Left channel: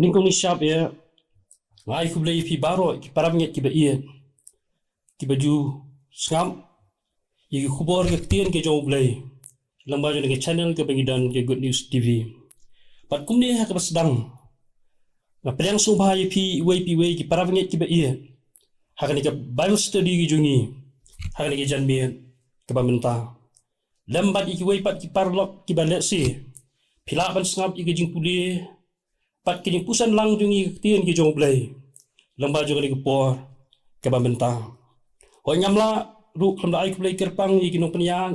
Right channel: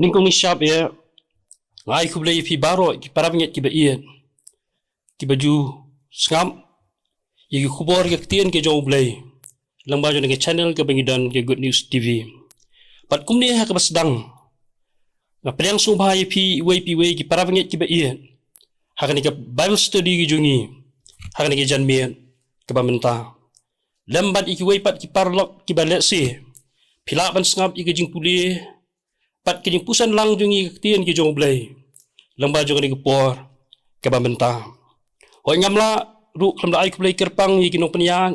ningkong ni siap ya ngai ku blai pi baro ki parabnget ki ba iya ki baju skam ye ki khubor ki tien ki jo blai lamba jo nge channel ke bangidan ke Good News TV pat kum ni ha ka basdang na priang su bhai pi wei ki parabnget ki ba iya ha ka ni ka Bible study ki jungi ha ka ni ki janmien ke ba menta lambat iki wei pat ki parlok ki ba lesi phila ban skam iki jing puli pat ki jing pusan lang jungi tien ki jong blai lamba jo ni ki por ke ba menta hoi ngamla ru kham ai ku blai kerpang iki no penyang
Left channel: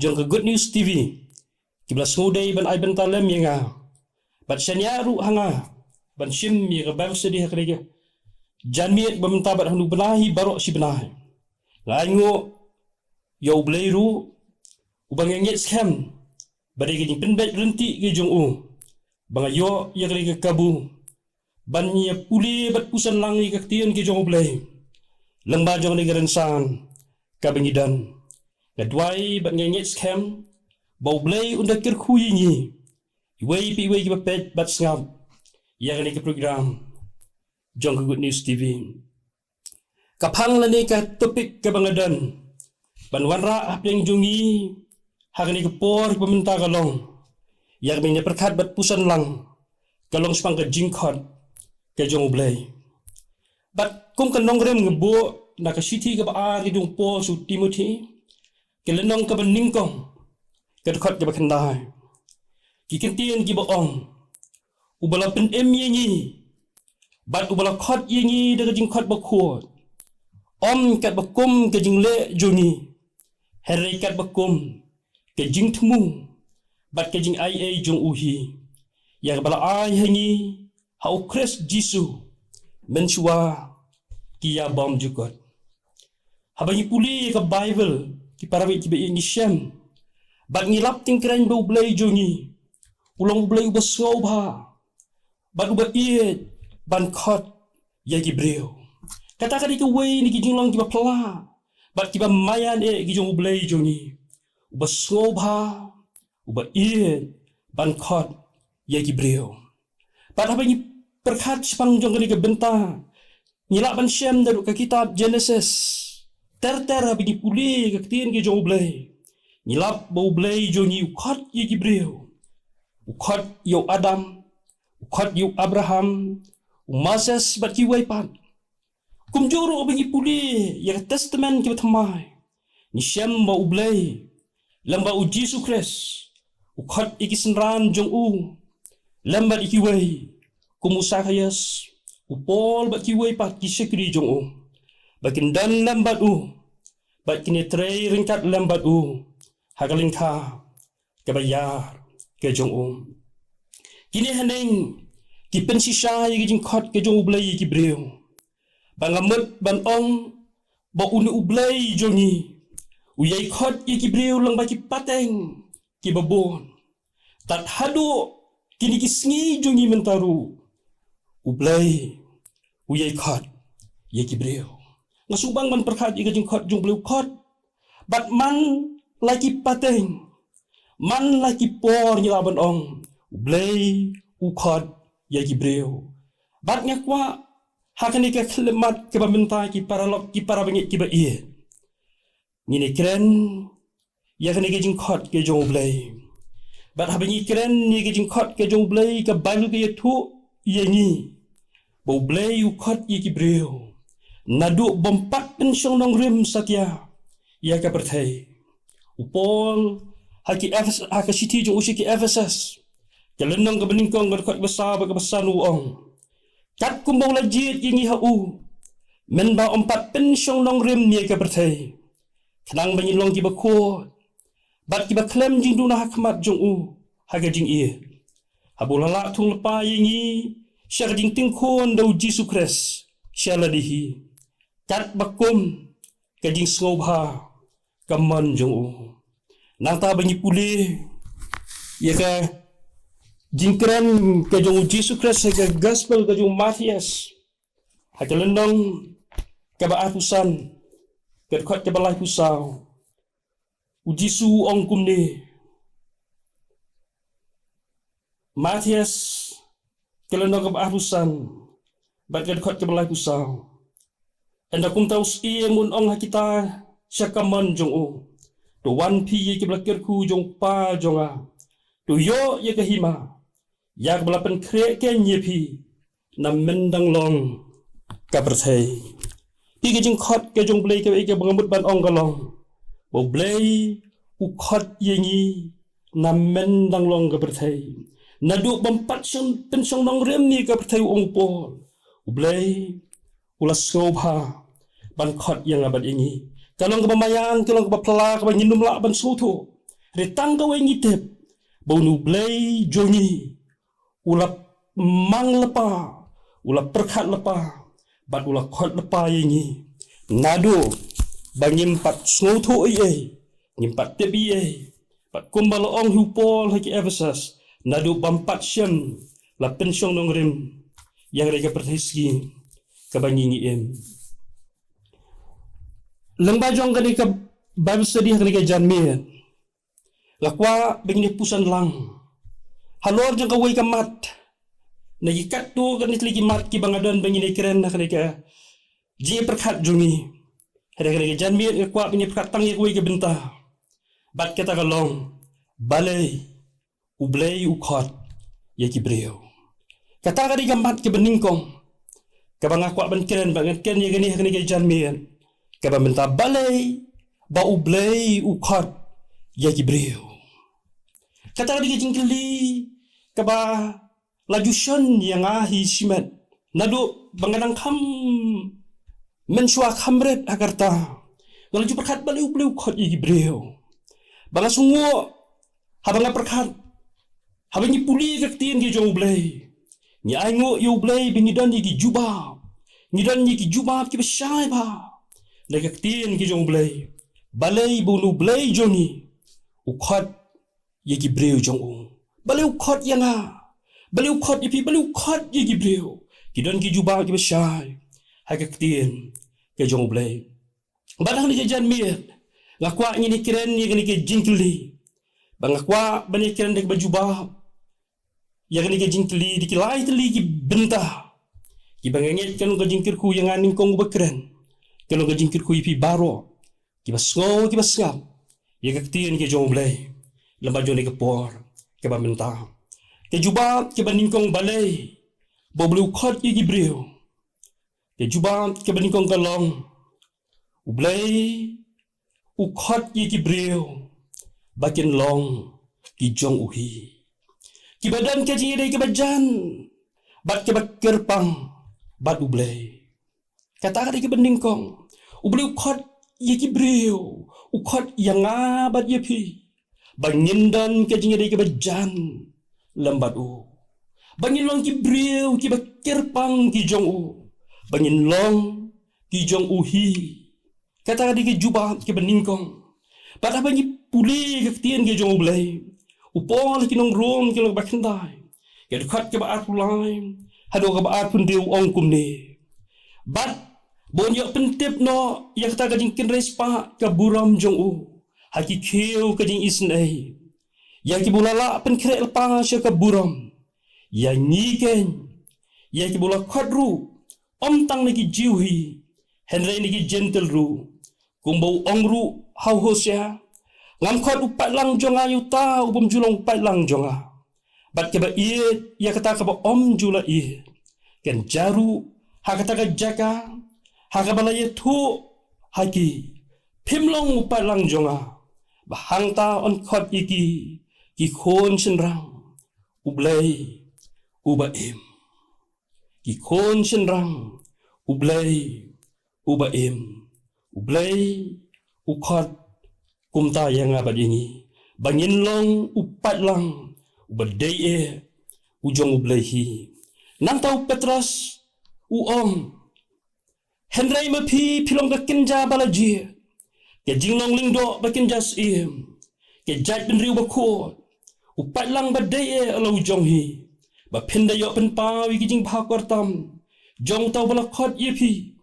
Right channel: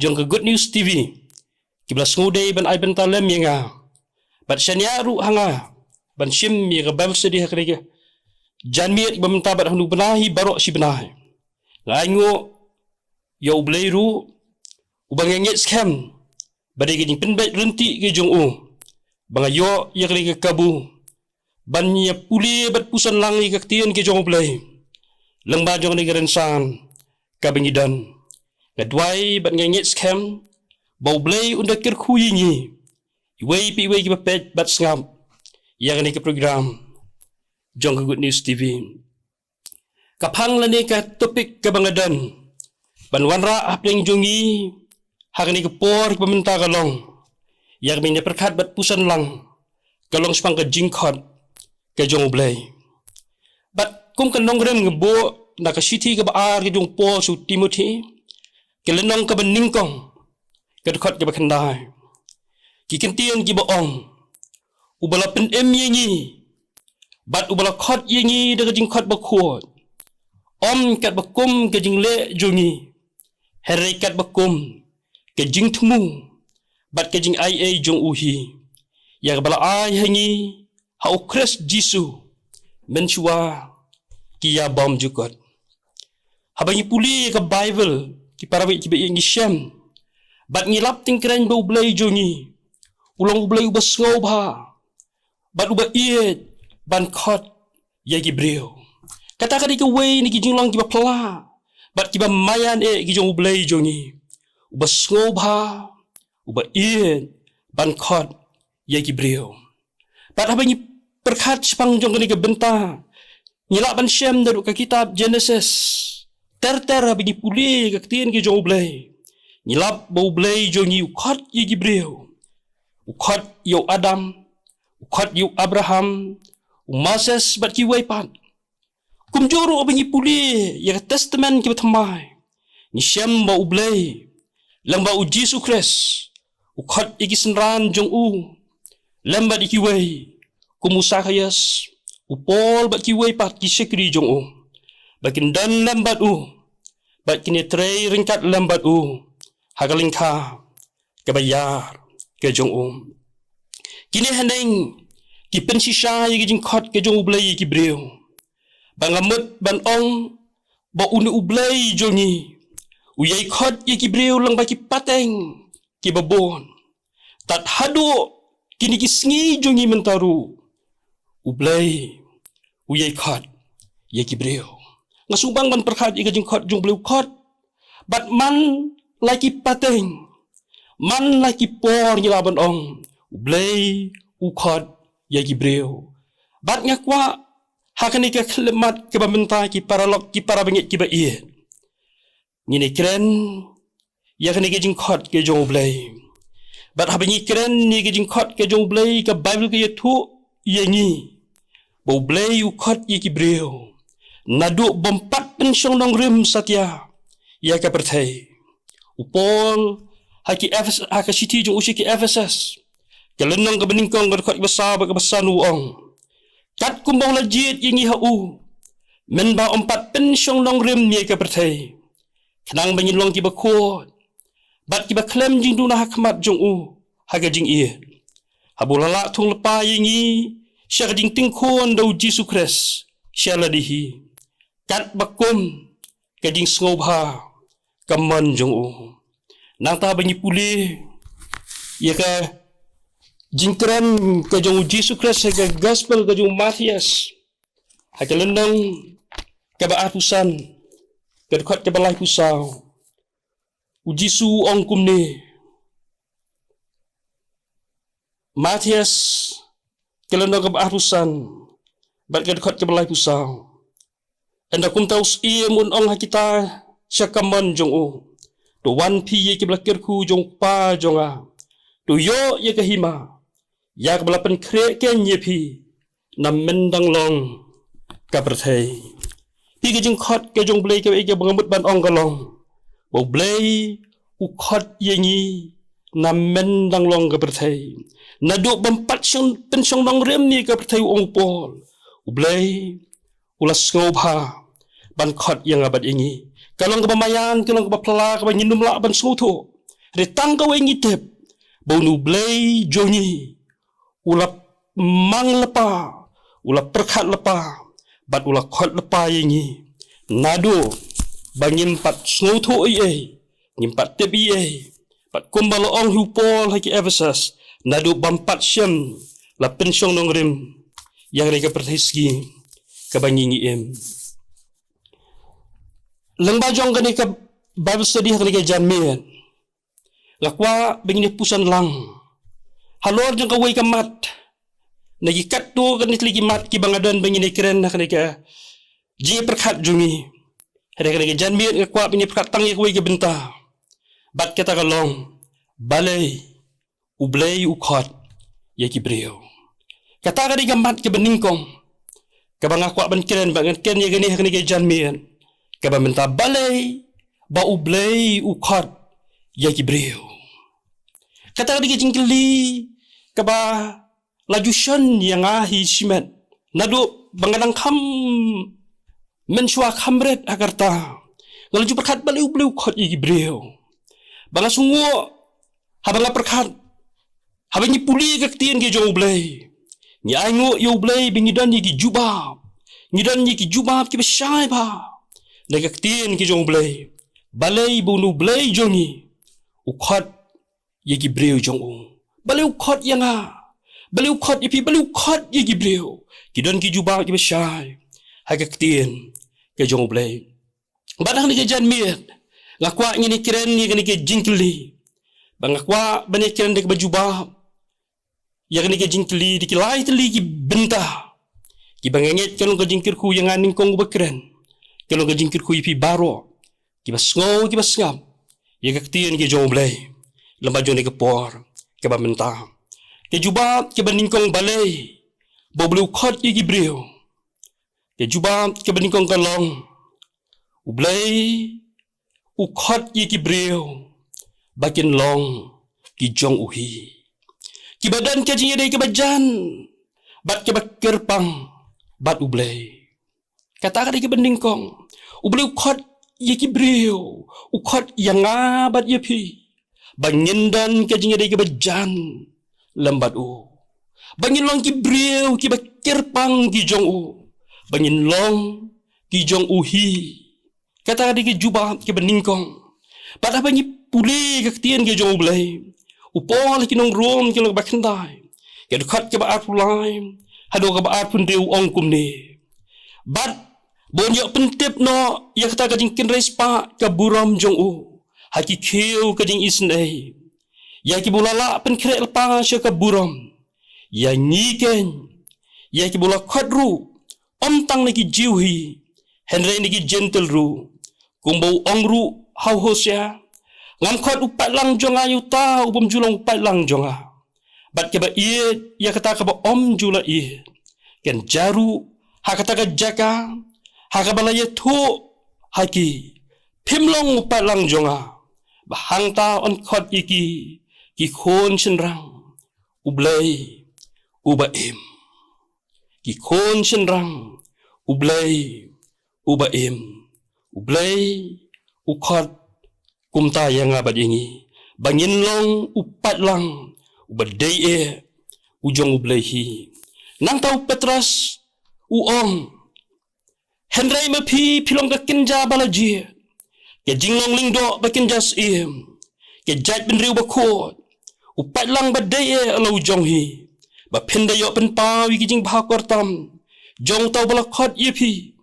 jong ke Good News TV ki bla ngudei ban ai benta lem yenga bat shania ru hanga ban shim mi ga Bible study ha ka janmiet ba menta bat hanu benahi barok si benahi ngai ngo yo blai ru ubang ngit scam bade ki jing penbet renti ki jong u bang yo ya ka kabu ban ya puli bat pusan lang ni ka tien ki jong blai lengba jong ni gerensan ka bengidan gadwai bat ngit scam bau blai unda kir khu yingi wei pi wei ki pet bat ngam ya ni ka program jong ka Good News TV kapang la ni ka topik ka bangadan ban wanra apeng jongi hakani ke por ke peminta kalong yang minyak perkat bat pusan lang kalong sepang ke jingkot ke jong blai bat kum kan nong rem ngebo na ka city ke baar ke jong Paul su Timothy ke lenong ke beningkong ke dekat ke bakandai ki kentien ki baong ubala pen em yengi bat ubala khot yengi de ke jingkot bakhot om kat bakum ke jingle jongi herai kat bakum ke jing thmu bat ke jing ai ai jong uhi ya bala ai hangi ha ukres jisu menchua ki ya bom jugot habangi puli ke Bible ki parawi ki be ngi shem bat ngilap tingkren bo blai jongi ulong blai ubasngau ba bat uba ie ban khot ya ki breu kata kadi ke wei ni ki jinglang ki ba pla bat ki ba mayan e ki jong blai jongi uba sngoba uba ien ban khot ye ki breu pat habangi perkhat sepang jong ni ke benta ngila ban shem daru ka kitab Genesis ter habangi puli ka tien ki jong blai ngilap bau blai jongi khot ye ki breu khot yo Adam khot yo Abraham Moses bat ki wei pat kumjuru habangi puli ya testament ki batmai ni shem bau blai lamba u Jesu Christ u khat iki senran jong u lamba iki wei kumusa khayas u Paul bat ki wei pat ki sekri jong u bakin dan lambat u bat kini trei ringkat lambat u hagalingkha ke bayar ke jong u kini haneng ki pensisa ki jing khat ke jong u blai ki breu bangamut ban ong ba unu u blai jongi uyai khot ye ki breu lang baki pateng ki babon tat hadu kini ki sngi jongi mentaru ublai uyai khot ye ki breu ngasubang ban perkhat i gajing khot jong bleu khot bat man laki pateng man laki por ni laban ong ublai u khot ye ki breu bat ngakwa hakani ka khlemat ke bamenta ki paralok ki parabengit ki ba ie ngini keren ya kani ke jingkhot ke jong blai bat habangi keren ni ke jingkhot ke jong blai ka Bible ke thu yengi bo blai u khot ye ki breu nadu bompat pensyong nong rim satya ya ka perthai upol haki Ephesus haki city jong usi ki Ephesus ke lenong ke beningkong ke khot besar ba ke besar nu ong kat kumbang lajit yengi ha u men ba ompat pensyong nong rim ni ka perthai kenang banyilong ki bakot bat ki baklem jing duna hakmat jong u haga jing ie habulala thung lepa yingi syar jing tingkhon dau Jesu Christ syala dihi kat bakum ka jing sngoba kaman jong u nang ta banyi puli ya ka jingkran ka jong Jesu Christ ka gospel ka jong Matias haga lendong ka ba atusan kedkot ke balai pusau ujisu ong kumne Matias kalau nak kebarusan, berkat kot kebalai pusau. Anda kum tahu mun ong kita syakaman jong o. Do wan pi ye kebalakir ku jong pa jong a. Do yo ye kahima. Ya kebalapan kre ken ye pi. Nam mendang long kaberthai. Pi ke jing kot ke jong blai ke bangamut ban ong kalong. Bo blai u kot ye ngi nam mendang long kaberthai. Nadu bempat syang pensyang nong rem ni kaberthai ong pol. U blai ulas ngobha ban kot yang abad ini. Kalau kebamayan, kalau kebapela, kebanyin numlak ban soto. Retang kau ingi tep. Bau nu blai jongi. Ulap mang lepa. Ulap perkat lepa. Bat ulap kot lepa ingi. Nado. Bang nyimpat soto iye. Nyimpat tep iye. Bat kumbalo ong hupol haki Ephesus. Nado bampat syam. La pensyong nong rim. Yang mereka perteski. Kebanyin im. Lang bajong kani ka Bible study kani ka John Mian. Lakwa bingni pusan lang. Halor jang kawai ka mat. Nagikat tu kani tliki mat ki bangadan bingni keren kani ka ji perkat jungi. Hada kani ka John Mian ka kwa bingni perkat tangi kawai ka benta. Bat kata kalong balai ublay ukot ya ki brio. Kata kani ka mat ki beningkong. Ka bangakwa ban keren bangan ken ya kani ka John Mian. Kaba minta balai ba ublay ukot ya gibril. Kata dia jingkili kaba lajusan yang ahi simet. Nadu bangadang kam mensua kamret agarta. Kalau ju perkat balai ublay ukot ya gibril. Banga sungo habanga perkat habangi puli kaktian ke jong ublay. Ni aingo ya ublay bingidan ya gijubab. Ngidan ya gijubab ki besyai ba. Nagaktiin ki jong blay. Balay bunu blay jongi. Ukot ye gibreu jong u. Balay ukot yang ha. Balay ukot ipi balay ukot ye gibreu. Kidon ki jubah ki besyai. Hagaktiin ki jong blay. Badang ni ke John Mian. Ngakwa ngini kiren ni kini ke jingkli. Bangakwa bani kiren dek bajubah. Ya kini ke jingkli dikilai teli ki bentah. Ki bangengit kanong ke jingkirku yang aning kong ubakren. Kalau kejingkir ku ipi baro, kibas ngau kibas ngam, ya kaktian ke jong blay, lemba jong ke por, ke bamenta, ke juba ke baningkong balay, boblu kot ye gibril, ke juba ke baningkong kalong, ublay, ukot ye gibril, bakin long ki jong uhi, kibadan ke jingide ke bajan, bat ke bakirpang, bat ublay. Kata kali ke beningkong, ublay ukot ye gibril, ukot yang abad ye pi, bangindan ke jingide ke bajan, lambat u, bangin long gibril ki bakirpang ki jong u, bangin long ki jong uhi. Kata kali ke jubah ke beningkong, pada bangi puli ke ketien ke jong ublay, upol ki nong rom ki long bakendai, ke dekat ke baat pulai, hado ke baat pun dew ong kumne. Bat bonjok pentip no yang kata kajing kinres pa ke buram jong u. Haki kiu kajing isnai. Ya ki bulala pen krek lepa sya ke buram. Ya nyiken. Ya ki bula khodru. Om tang niki jiwi. Henry niki gentle ru. Kumbau ong ru hau hosya. Ngam khod upat lang jong ayu ta ubum julong upat lang jong a. Bat ke ba iet ya kata ke ba om jula iet. Ken jaru ha kata ke jaka. Hakabalaya tu haki pimlong upalang jonga bahangta on khot iki ki khon senrang ublay ubaim ki khon senrang ublay ubaim ublay ukhot kumta yang abad ini bangin long upat lang ubadai ujong ublay hi nang tau Petras uong Henry mapi pilong ka kinja balaji. Ke jinglong lingdo ba kinja sim. Ke jat ben riu ba ko. Upat lang ba deye alo jong hi. Ba pinda yo pen pawi ki jing ba kortam. Jong tau bala khot yepi.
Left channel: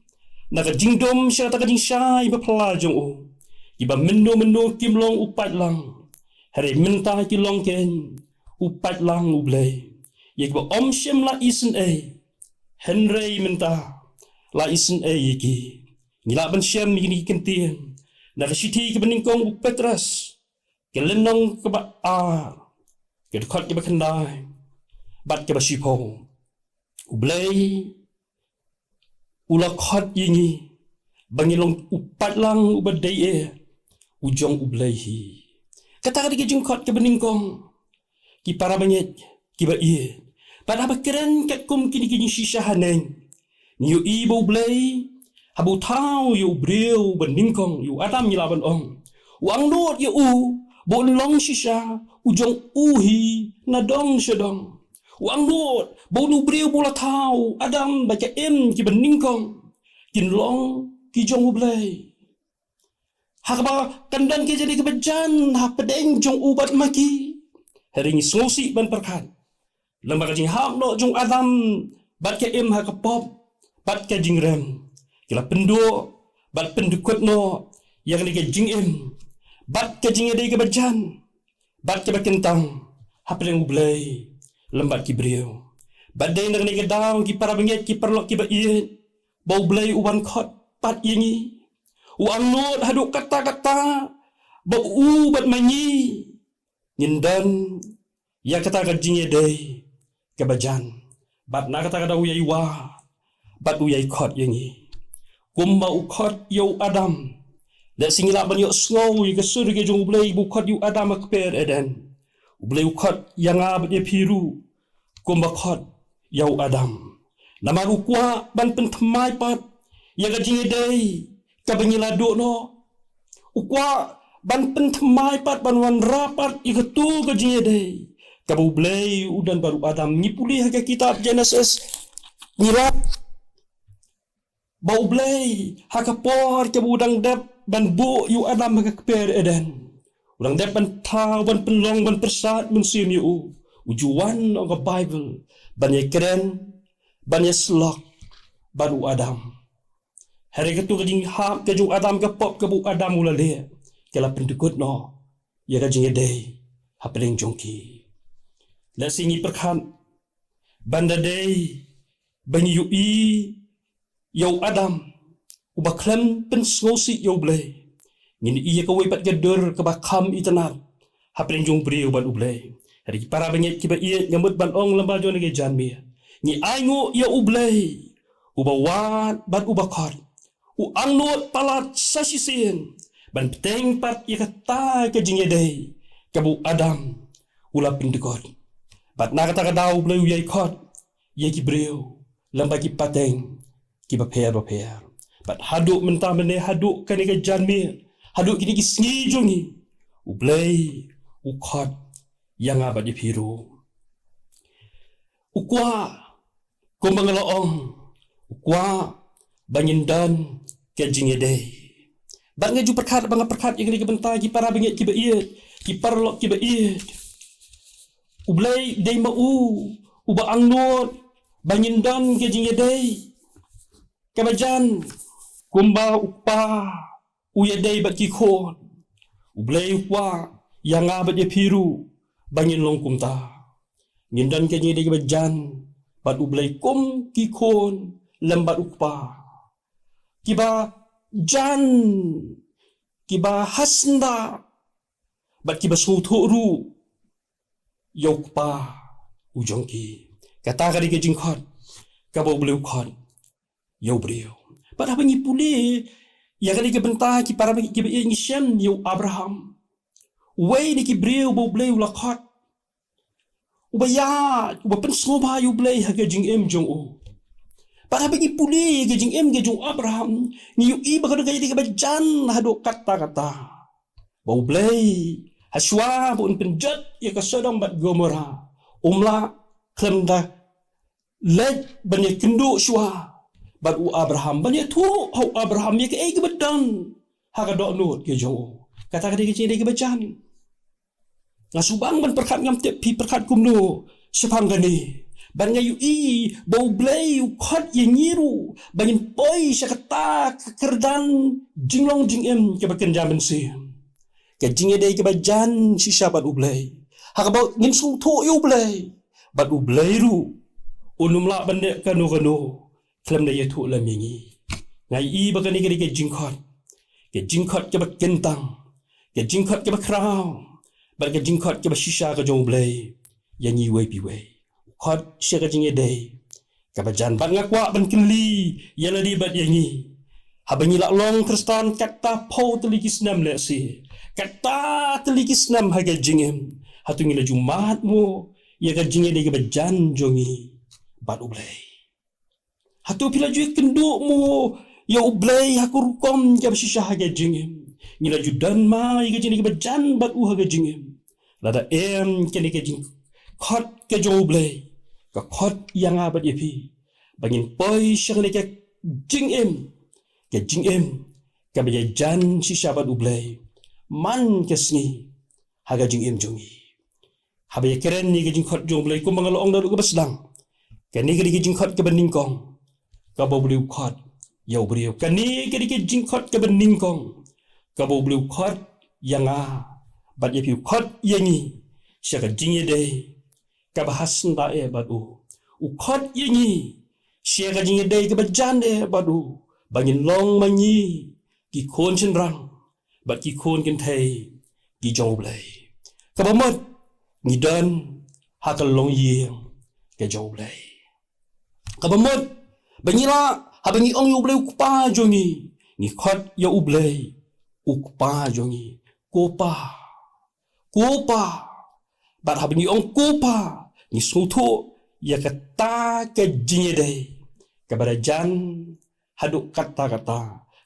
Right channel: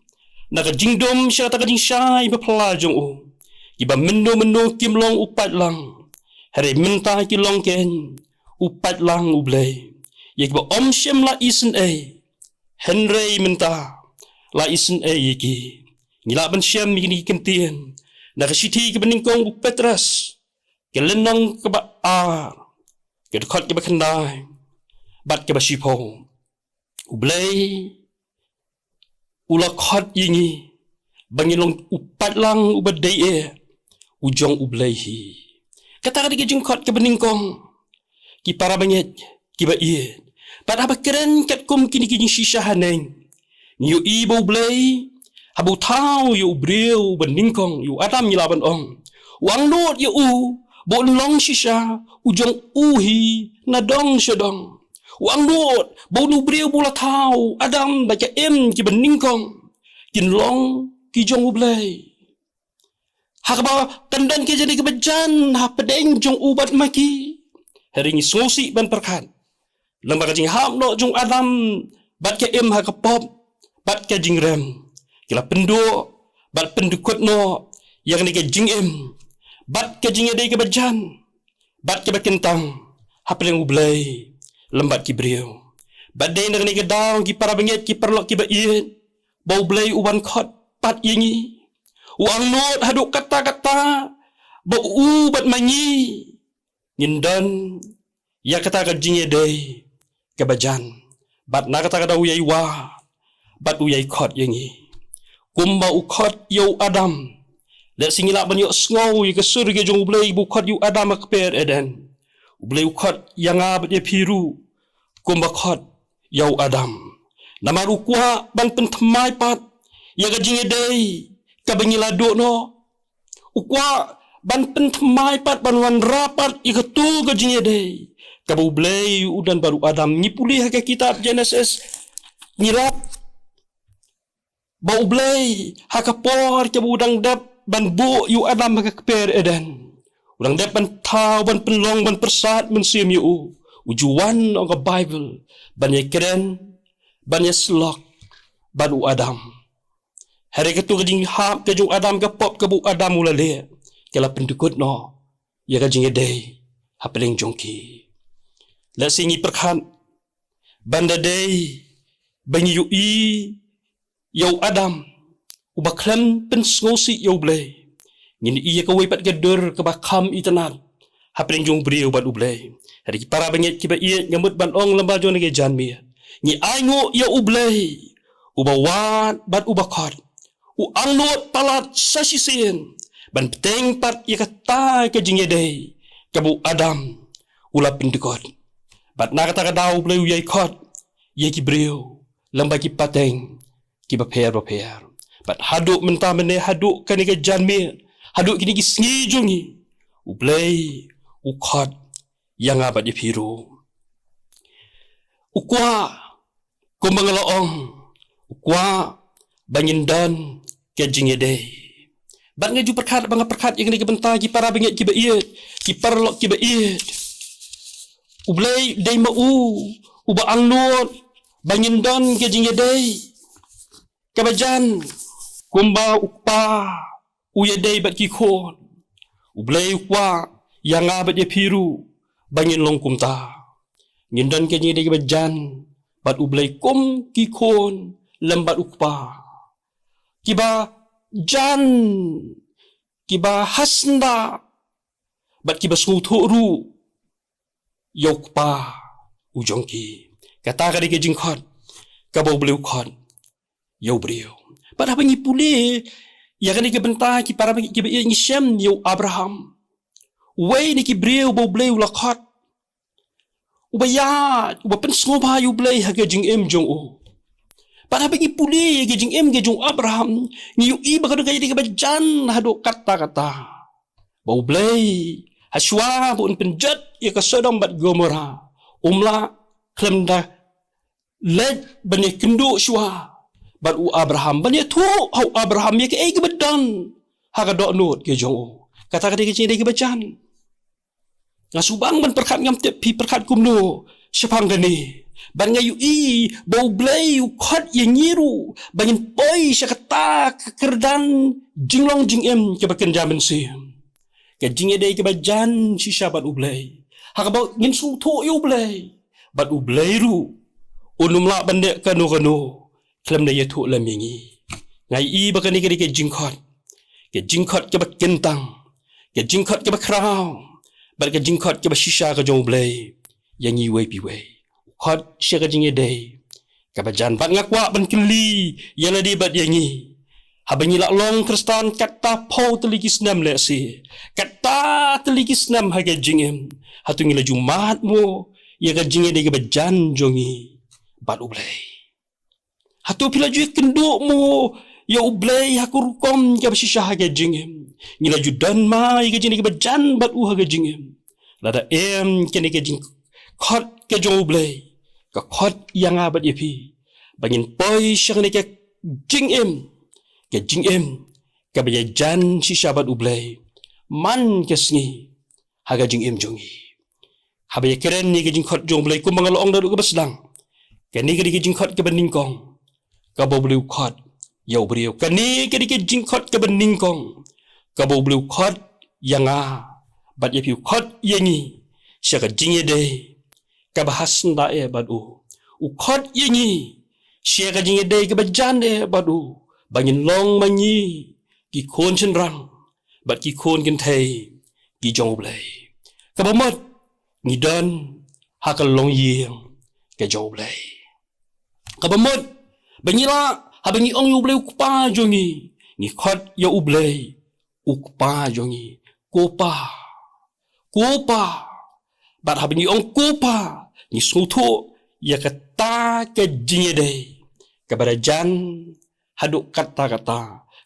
Naga jingdom sya ta ka jing syai ba pla jong u. Iba mendo kim long upat lang. Hari minta ki long ken. Upat lang ublay. Ye kiba om shem la isen Henry menta la isen ye ki. Ngila ban shem ni kentien. Na kasiti kiba ningkong u Petras. Ke lenong kiba ke dekat kiba kendai. Bat kiba shipo. Ublay ula khot yingi. Bangilong upat lang ubadai ujong ublay hi. Kata kadi ke jengkot kiba ningkong. Ki para bangit kiba pada apa keren kat kum kini kini shisha haneng. Yu ibo blay habu tau yu breu beningkong yu adam yilaban ong. Wang lot yu bo long shisha ujong uhi nadong shadong. Wang lot bo nu breu bola tau adam baca ki beningkong. Kin long ki jong blay. Hakaba kandan ke jadi kebejan ha pedeng jong ubat maki. Hari ni sosi ban perkat. Lembaga jing ham no jong adam bat ke ha kapop bat ke jing rem. Kila pendu bat pendukut no yang ni ke jing bat ke jing dei ke bejan bat ke bakentang ha pedeng ublay lembat ki brio. Bat dei ni ke daw ki para bengit ki perlok ki ba bau blay uban khot pat yingi. Wang not haduk kata-kata bau bat manyi. Nindan ya kata ka jing dei kebajan bat na kata kada uyai wa bat uyai khot yangi kumba ukhot yo adam le singila ban yo sngow ye kesur ge jong ublay bu khot yu adam akper eden ublay ukhot yanga bat ye piru kumba khot yo adam namaru kwa ban pen thmai pat ya ga jing dei ka bangila do no ukwa ban pen thmai pat ban wan rapat ikatu ga jing dei kabu blay udan baru adam ni pulih ke kitab Genesis nilap bau blay hakapor ke udang dap ban bu yu adam ke per eden udang dap ban tau ban penlong ban persat ban sim yu ujuan ong Bible ban ye keren ban ye slok ban u adam hari ketu kejing hap ke jung adam ke pop ke bu adam ulale kala pendukut no ya ka jing dei hapeleng jongki. La singi perkhan banda day banyi yu yau adam ubaklam pen ngosi yau blay ngini iya ka way pat gadur ka bakam itanat hapren jong brio ban ublay hari para bangit kiba iya ngamut ban ong lamba jone ge janmi ni aingo ya ublay ubawat bat ubakot u angnot palat sasisen ban peteng pat iya kata ka jingedai kabu adam ula pindikot. Bat na kata kadau bleu yai khot ye ki breu lamba ki pateng ki baper. Bat haduk mentah mene haduk kan ke janmi haduk kini ki sngi jungi ublay ukhot yang abat ye piru ukwa kumbangalaong ukwa bangindan ke jingede bat ngaju perkat banga perkat yang ni ke bentang ki para bengit ki ba ki parlok ki ba ublay day uba angnot bangindan ke jingedai kabajan kumba upa uyedai bat ki khon ublay ukwa yang abat ye piru bangin long kumta ngindan ke jingedai kabajan bat ublay kum ki khon lembat upa kiba jan kiba hasnda bat kiba suturu yok pa ujongki kata kali ke jingkhot kabau beliau khot yo brio pada pangi puli ya kali ke benta ki para pangi ki ngi shem yo Abraham wei ni ki brio bo beliau la khot ubaya uba pen sngoba yo blei ha ke jing jong o pada pangi puli ke jing ge jong Abraham ni yo i ba ka di ke bajan hado kata bo blei Haswa pun penjat ia ke Sodom bat Gomora. Umla klemda led bani kenduk shwa bat u Abraham bani tu hau Abraham ia ke ai ke bedan ha ka dok not ke jong. Kata kata ke cini ke bacan. Ngasubang ban perkat ngam te pi perkat kumno sepang gani. Ban ngayu i bau blay u khot ye ngiru bangin poi syakata kerdan jinglong jingem ke baken jaman sim. Ke jingedai ke bajan shisha bat ublay. Hakabau ngin su to yu blay. bat u blairu unum la bande kanu klem na yetu lam yangi ngai I bakani ke jingkhot ke bat kentang ke jingkhot ke ba kraw bat ke jingkhot ke ba shisha ka jong blai yangi we pi we khot she ka jinge dei ka ba jan bat ngakwa ban kili yala di bat yangi habangi la long kristan kata pau teligis nam le si kata teligis nam ha ke jingem hatungi la jumat mo ya ka jinge dei ke ba jan jongi bat u blai hatu pila ju kenduk mo ya ublay hakurkom ka basisha haga jingem ngila judan ma iga jini ka bajan bat u haga jingem lada kene ke jing khot ke jo ublay ka khot yang abat yepi bangin poi shang ke jingem ka bajan shisha bat ublay man ke sngi haga jingem jongi habaya keren ni ke jing khot jo ublay kumbang long daru ka basdang kene ke jing khot ke beningkong ka boblu khot yau beriau kani ke jingkhot ke beningkong ka boblu khot yanga bat ye piu khot yengi syaka jingye de ka bahas nda e bat u khot yengi syaka jingye de ke bajan e bat u bangin long manyi ki khon chen rang bat ki khon kin thai ki jong blai ka bamot ni dan hakal long yeng ke jong blai ka bamot banyila habangi ong yu blai ukpa jongi ni khot ya ublai ukpa jongi kopa bat habangi ong kopa ni suto ya kata ke jingede ke barajan haduk kata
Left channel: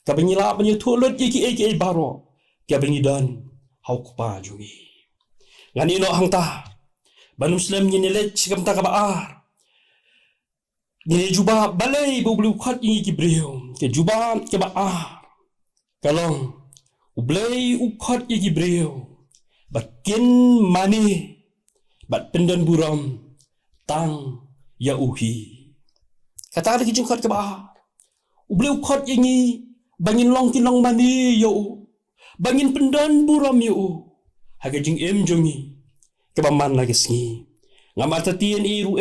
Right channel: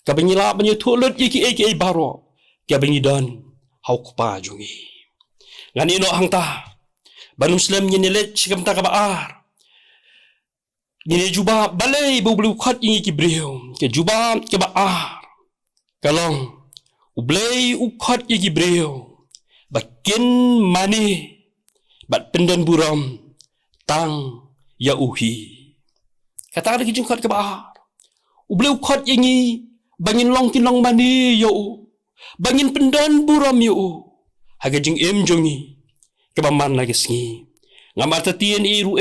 ke banyila banyu thulut iki baro ke bangi dan hau kupa jongi ngani no hangta banu muslim ni let sikam ta ka baar Gini juba balai bublu khat ingi ki brio ke juba ke ba kalong ublei ukhat ingi brio bakin mani bat pendan buram tang ya uhi kata lagi jingkhat ke ba ublei ukhat ingi bangin long kinong mani yo bangin pendan buram yo haga jing jongi ke ba man lagi sngi ngamata tien iru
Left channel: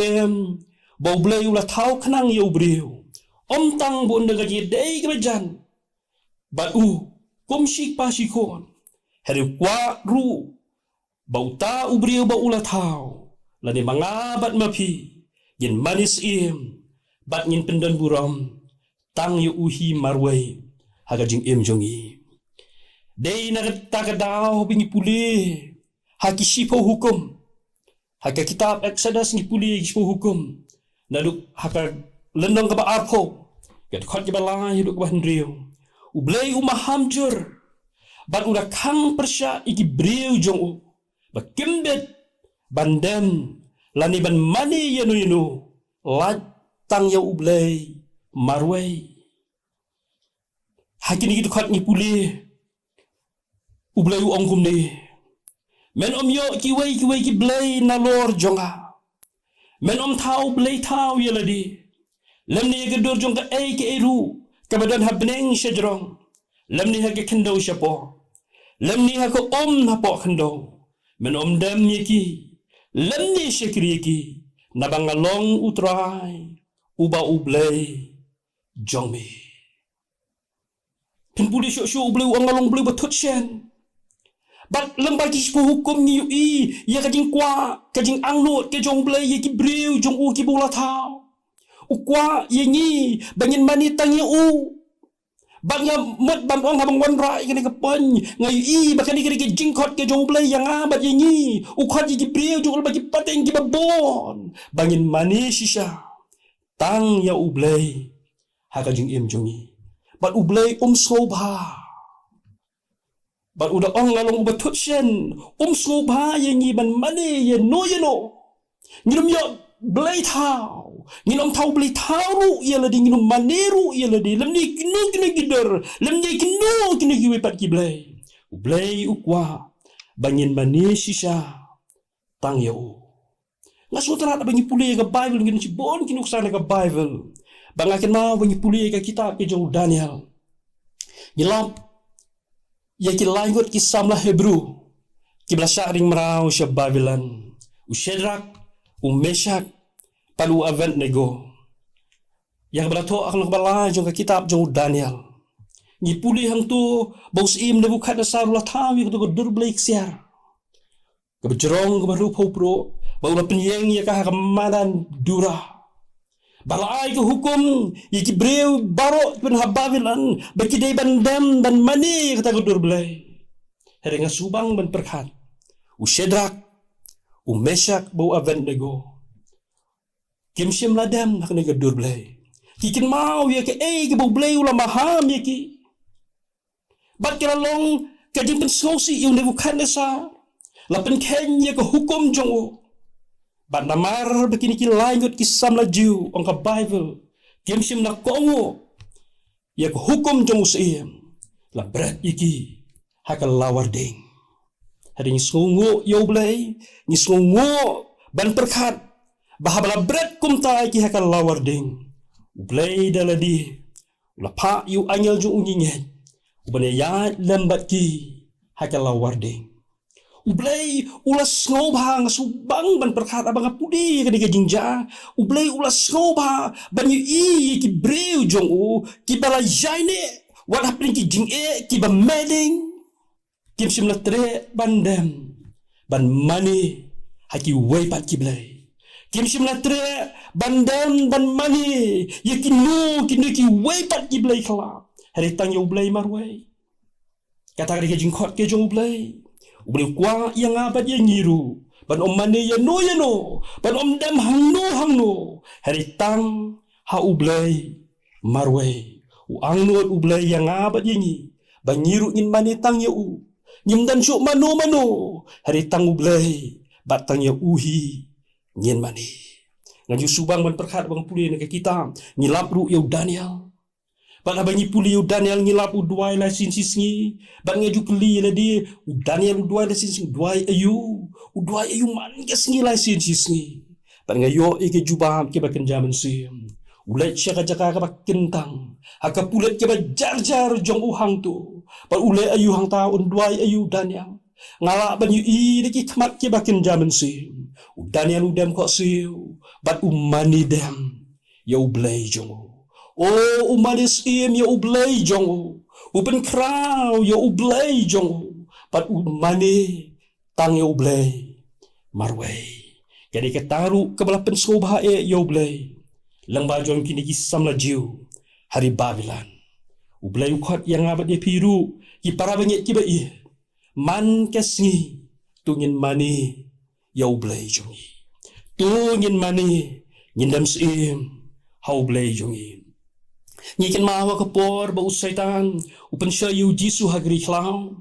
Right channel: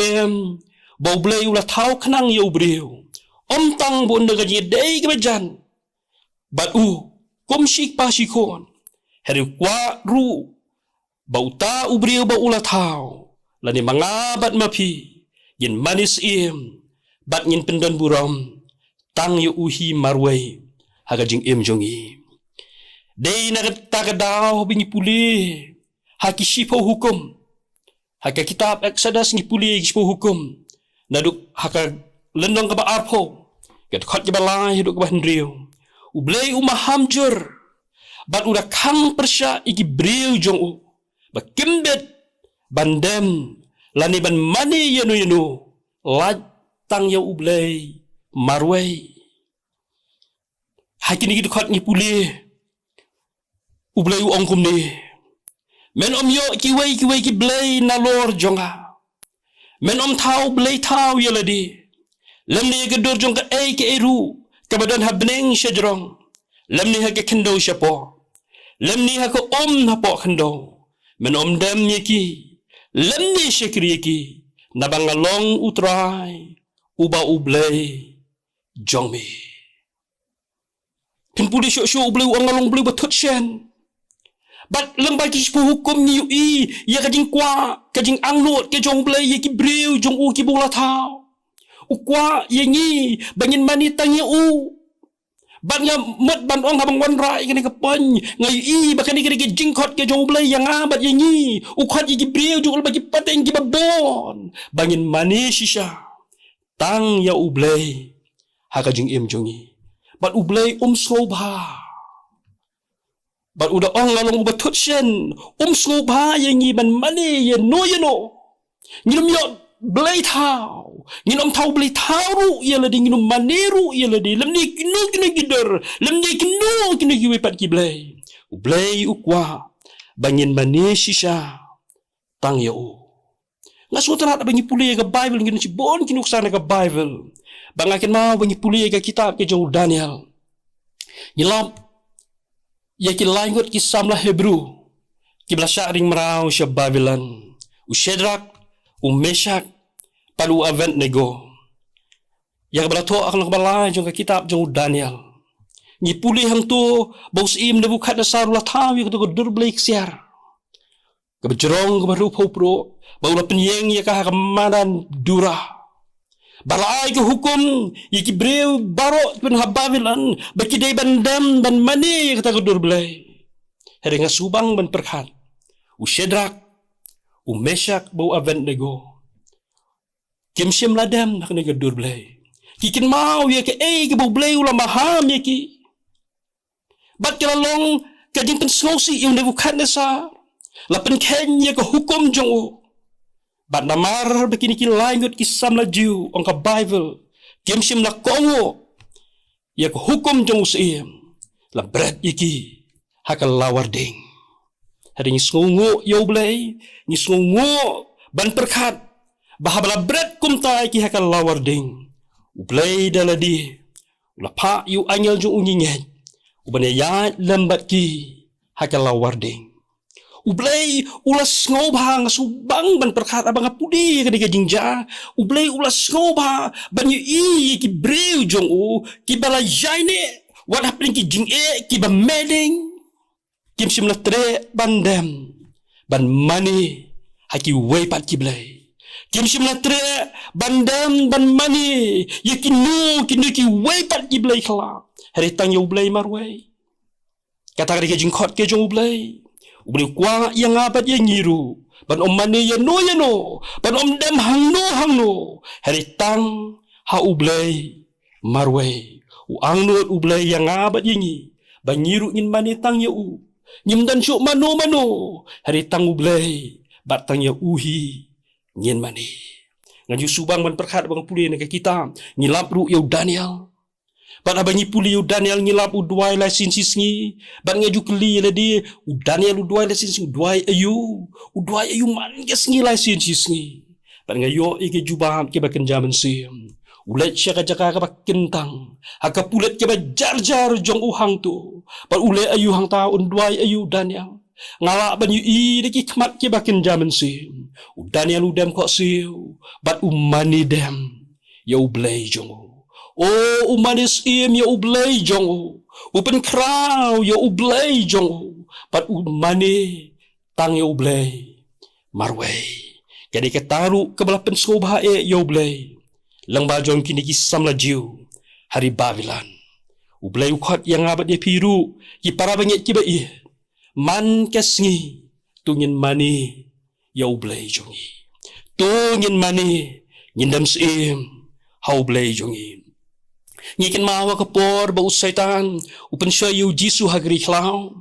bau blai ulah thau khnang yo breu om tang bon de gaji dei ke bajan bat kom shik pa shikon hari kwa ru bau ta u breu bau ulah thau lani mangabat mapi yin manis bat ngin pendan buram tang yo uhi marwai haga jing jongi dei na ta ka daw bingi puli haki shipo hukum haka kitab Exodus ni puli shipo hukum naduk haka lendong ke ba arpo ket khot ke balai hiduk ke hendriu ublei mahamjur bat udah kang persya iki breu jong ba kimbet bandem lani ban mani yenu laj tang ya ublei marwei hakini gitu khot ni puli ublei ongkum ni men om yo kiwei ki blei nalor jonga men om thau blei thau yeladi lamni ke dor jong ka ke eru ka badan habneng shajrong lamni ha ke khendo shapo lamni ha ko om na po khendo men om dam yeki lamni shakri yeki nabangalong utrai uba ublei jongmi kin puli sho ublei angalong blei bathut shen bat lembar ki sepuh hukum ni ya kajing kwa kajing anglot ke jong blai ye ki breu jong ki bola thau kwa ye ni bangin mani tang ye bat nga mot ban ong habang wan rai ke ka pan ngai bakani ke jingkhot ke jong blai yang bat ye ni khot ye ki breu jong ba ki pateng ki babon bangin mani shisha tang ya ublai ha kajing jongi bat ublai sobha bat udah ngalong ubat tutsen sobha ye ngi ban mani ye no ngilum yo blai thau ngilum thau blai thau ru ye ladi ngilum mani ru ye ladi lemni kinu gider lemni kinu giwe pat ki blai ukwa bangin mani shisha tang yo ngasu tara bangi puli ke bible ngin si bon kinu ksana ke bible bangakin mau bangi puli ke kitab ke jong Daniel ngilam ya ki langut ki samla Hebrew ki blasha ring merau sya Babylon u Shadrach Meshach palu Abednego. Yang belato akan balai jong kitab jong Daniel. Ni puli hang tu bos im Nebukadnezar la tawi ko durblek siar. Kebejerong kebaru popro bau la penyeng ya kah kemanan durah. Balai ke hukum iki breu baro pen habavilan bagi dai bandam dan mani kata ko durblek. Heringa subang ban perkhat. Ushedrak Meshach bau Abednego. Kim sim ladam nak nega durblek. Kikin mau ya ke ke bau blek ulah maham ya ki. Bat long kajing pensosi yung Nebukadnezar. Lapan kenya ke hukum jong. Bat namar begini ki langut kisam laju ang ka Bible. Kim sim la kongo. Ya ke hukum jong usim. La berat iki hakal lawarding. Hari ni sungu yo blay, ni sungu ban perkhat. Bahabala berat kumta iki hakal lawarding. Ublay daladi. Ula pa yu angel jong unyinyet. Ubane ya lambat ki hakal lawarding. Ublay ulas ngobha subang ban perkhat abang apudi kadi jinja. Ublay ulas ngobha ban yu ki breu jong ki bala jaine wat hapling ki jing ki ba meding. Kim sim la tre bandem ban mani haki way pat ki blay. Kim sim la tre bandem ban mani yakinu ki way pat ki blay khala. Hari tang yo blay marway. Kata kali ke jingkot ke jong blay. Ublay kwa yang abad yang ngiru. Ban om mani ya no. Ban om dem hang no. Hari tang ha ublay marway. Ang nuot ublay yang abad yang ngi. Ban ngiru ngin mani tang ya u. Nyim dan syuk mano. Hari tang ublay. Bat tang ya uhi. Ngin mani. Nganju subang ban perkhat bang puli nak kita. Ngilap ru yo Daniel. Ban abangi puli yo Daniel ngilap u duai la sin sisngi. Ban ngaju keli la di u Daniel u duai la sin sisngi duai ayu. U duai ayu man ke sngi la sin sisngi. Ban ngayo ike jubam ke baken jaman sim. Ulet syaka jaka ka bakentang. Haka pulet ke ba jar jong u hang tu. Ban ulet ayu hang taun duai ayu Daniel. Ngala ban yu i deki kmat ke baken jaman sim. U Daniel u dem kok siu. Ban u mani dem. Ya u blay jong u. Oh, umanis im ya ublay jong. Upen kraw ya ublay jong. Pat umani tang ya ublay marway. Jadi ketaru kebelah pensobha ya ublay. Lang bajong kini kisam laju hari Babilan. Ublay ukhat yang abad ya piru. Ki para bangit ki ba man kesngi tungin mani ya ublay jongi. Tungin mani ngindam sim ha ublay jongi. Ngikin mawa kapor ba usaitan upan siya yu Jisu hagri klaw.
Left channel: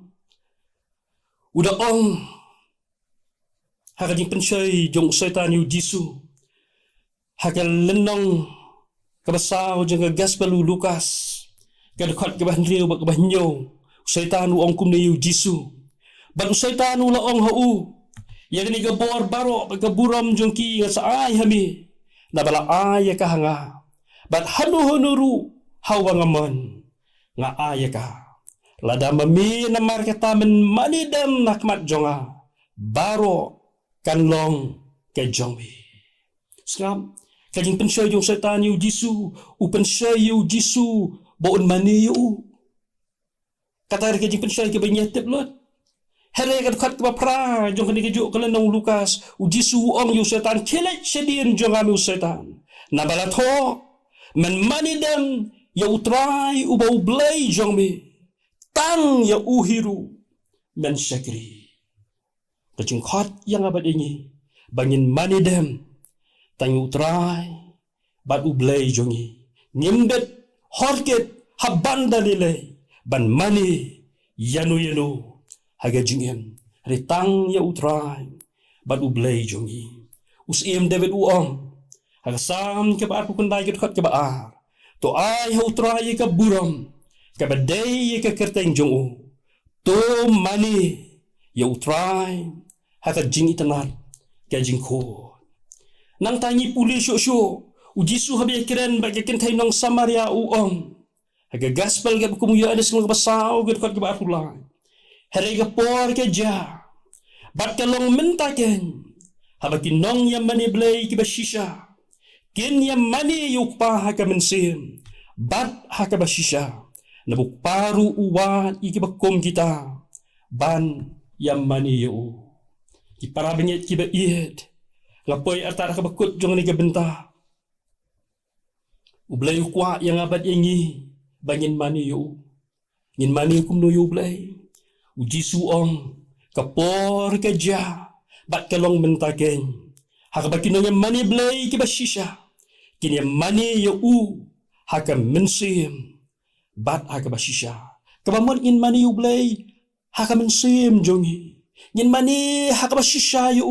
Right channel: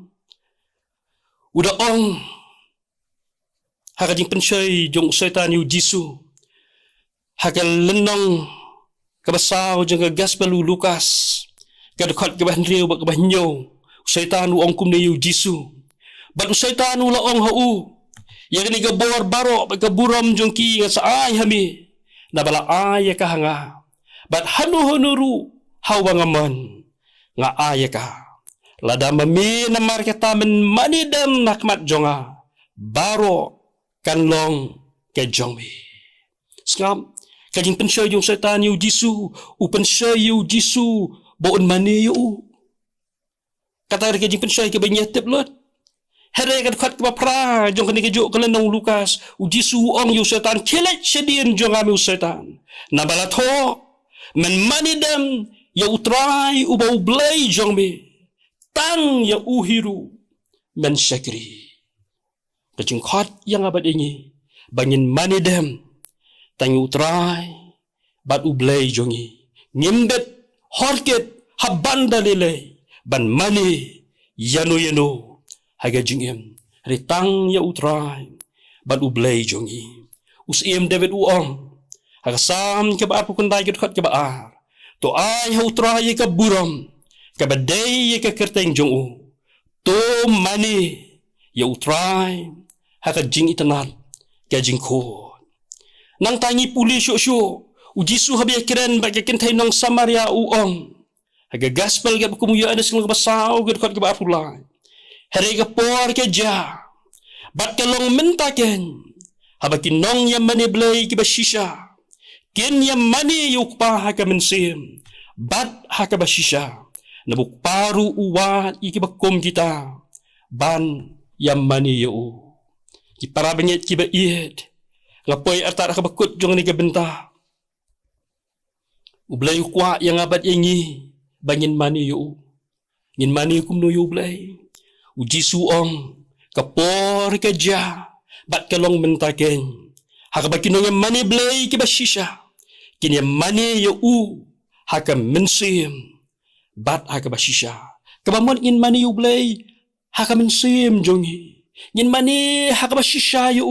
Uda ong hakajing pensay jong usaitan yu Jisu. Hakal lenong kabasaw jang gospel u Lukas. Kadukot kabah nriyo ba kabah nyo. Usaitan u ong kumne yu Jisu. Bat usaitan u laong hau. Yang ni gabor baro kaburam jong ki nga sa ay hami. Nabala ay kahanga. Bat hanu-hanuru hawangaman nga ayaka. Lada mami namar kita men manidam nakmat jonga. Baro kanlong ke jongmi. Skam, kajing pensay yung setan yu Jisu. Upensay yu Jisu. Baon mani yu. Kata kajing pensay ke banyatip lot. Here kan kat ke pra jong kani kejuk kelenong Lukas. U Jisu ong yu setan. Kilit sedin jong ami setan. Nabalatho. Men manidam ya utrai ubau blay jongme tang ya uhiru men syakri. Kacing khot yang abad ini bangin manidam tang utrai bad ublay jongi ngimbet horket haban dalile ban mani yano haga jingem ritang ya utrai bad ublay jongi usim David uong hagasam ke ba apu kunday khot ke ba to ay utrai ka buram ka baday ka kerteng jong to mani ya utrai haka jing itanal ka jing ko nang tangi puli syo ujisu habi kiran bagi kentay nang Samaria uong haga gospel ga kumuya ada sing basaw gud khot ke ba apulay hari ka por ke ja bat kalong mentaken Habaki nong yang mani blay kiba shisha. Ken yang mani yukpa haka mensim. Bat haka bashisha. Nabuk paru uwan ikiba kum kita. Ban yang mani yu. Ki para bengit kiba ied. Ngapoy arta haka bakut jong ni bentah. Ublay ukwa yang abad yengi. Bangin mani yu. Ngin mani kum no yu blay. Uji suong. Kapor keja. Bat kalong mentaken. Haka bakinong yang mani blay kiba shisha. Kini yang mani yu haka mensim. Bat haka bashisha. Kabamon in mani yu blay. Haka mensim jongi. Ngin mani haka bashisha yu.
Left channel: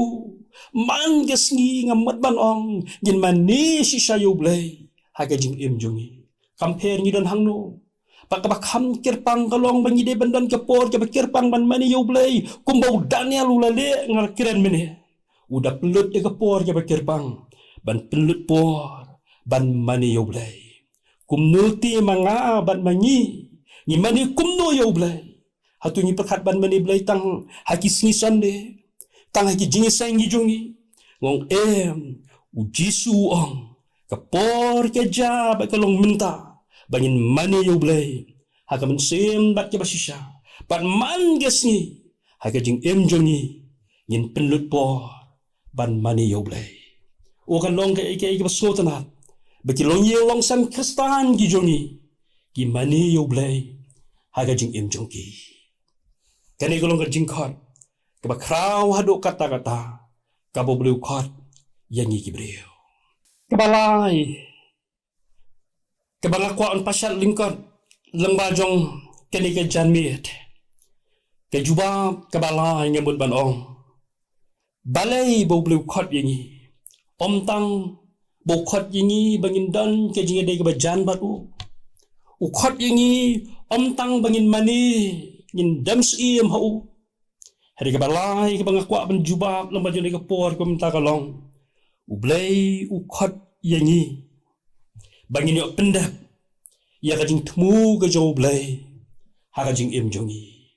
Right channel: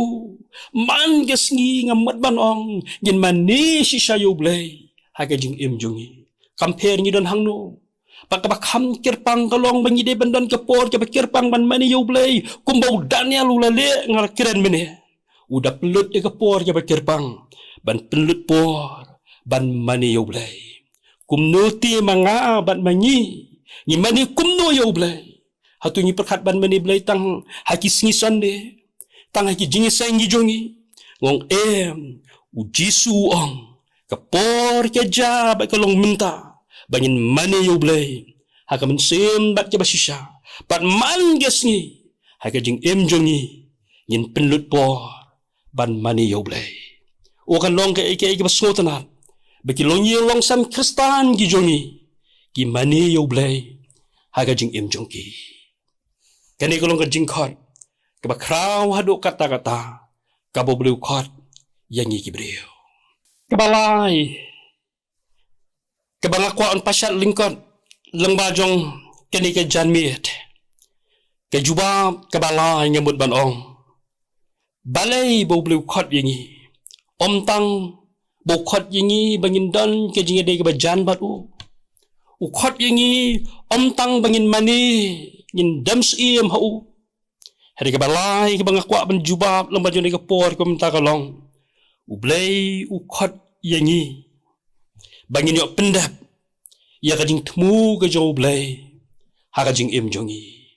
Man gasngi ngamat banong. Ngin mani shisha yu blay. Haka jing im jongi. Compare ngi don hangno. Pagkabakam kirpang kalong bangide bandan kapor kabakirpang ban mani yu blay. Kumbau Daniel ulale ngarakiran meni. Udah pelut ya kapor kabakirpang. Ban pelut por. Ban mani yu blay. Kumnuti mga ban manyi. Ni mani kumno yu blay. Hatu ngi perkat ban mani blay tang haki singisan de. Tang haki jingisang ngijongi. Ngong uji suong. Kapor keja bat kalong minta. Bangin mani yu blay. Haka mensim bat ke basisha. Bat man gesngi. Haka jing jongi. Ngin penlut por. Ban mani yu blay. Okan long ke ike basotanat. Bagi long ye long sam kristan ki jongi. Ki mani yu blay. Haka jing jongi. Kani kolong ka jing kot. Kaba kraw haduk kata-kata. Kabo beliau kot. Yang iki beliau. Kabalay. Kabangakwaan pasyat lingkot. Lengbajong kani ka janmit. Kajubab kabalay ngamut banong. Balay bau beliau kot yang iki. Omtang bokot yengi bangin dan ke jinga de bajan batu ukot yengi omtang bangin mani ngin dams iem hau hari ke balai ke bangakwa ban jubab lamba jone ke por ko minta kalong ublay ukot yengi bangin yo pendap ya ka jing temu ke jo ublay ha ka jing im jongi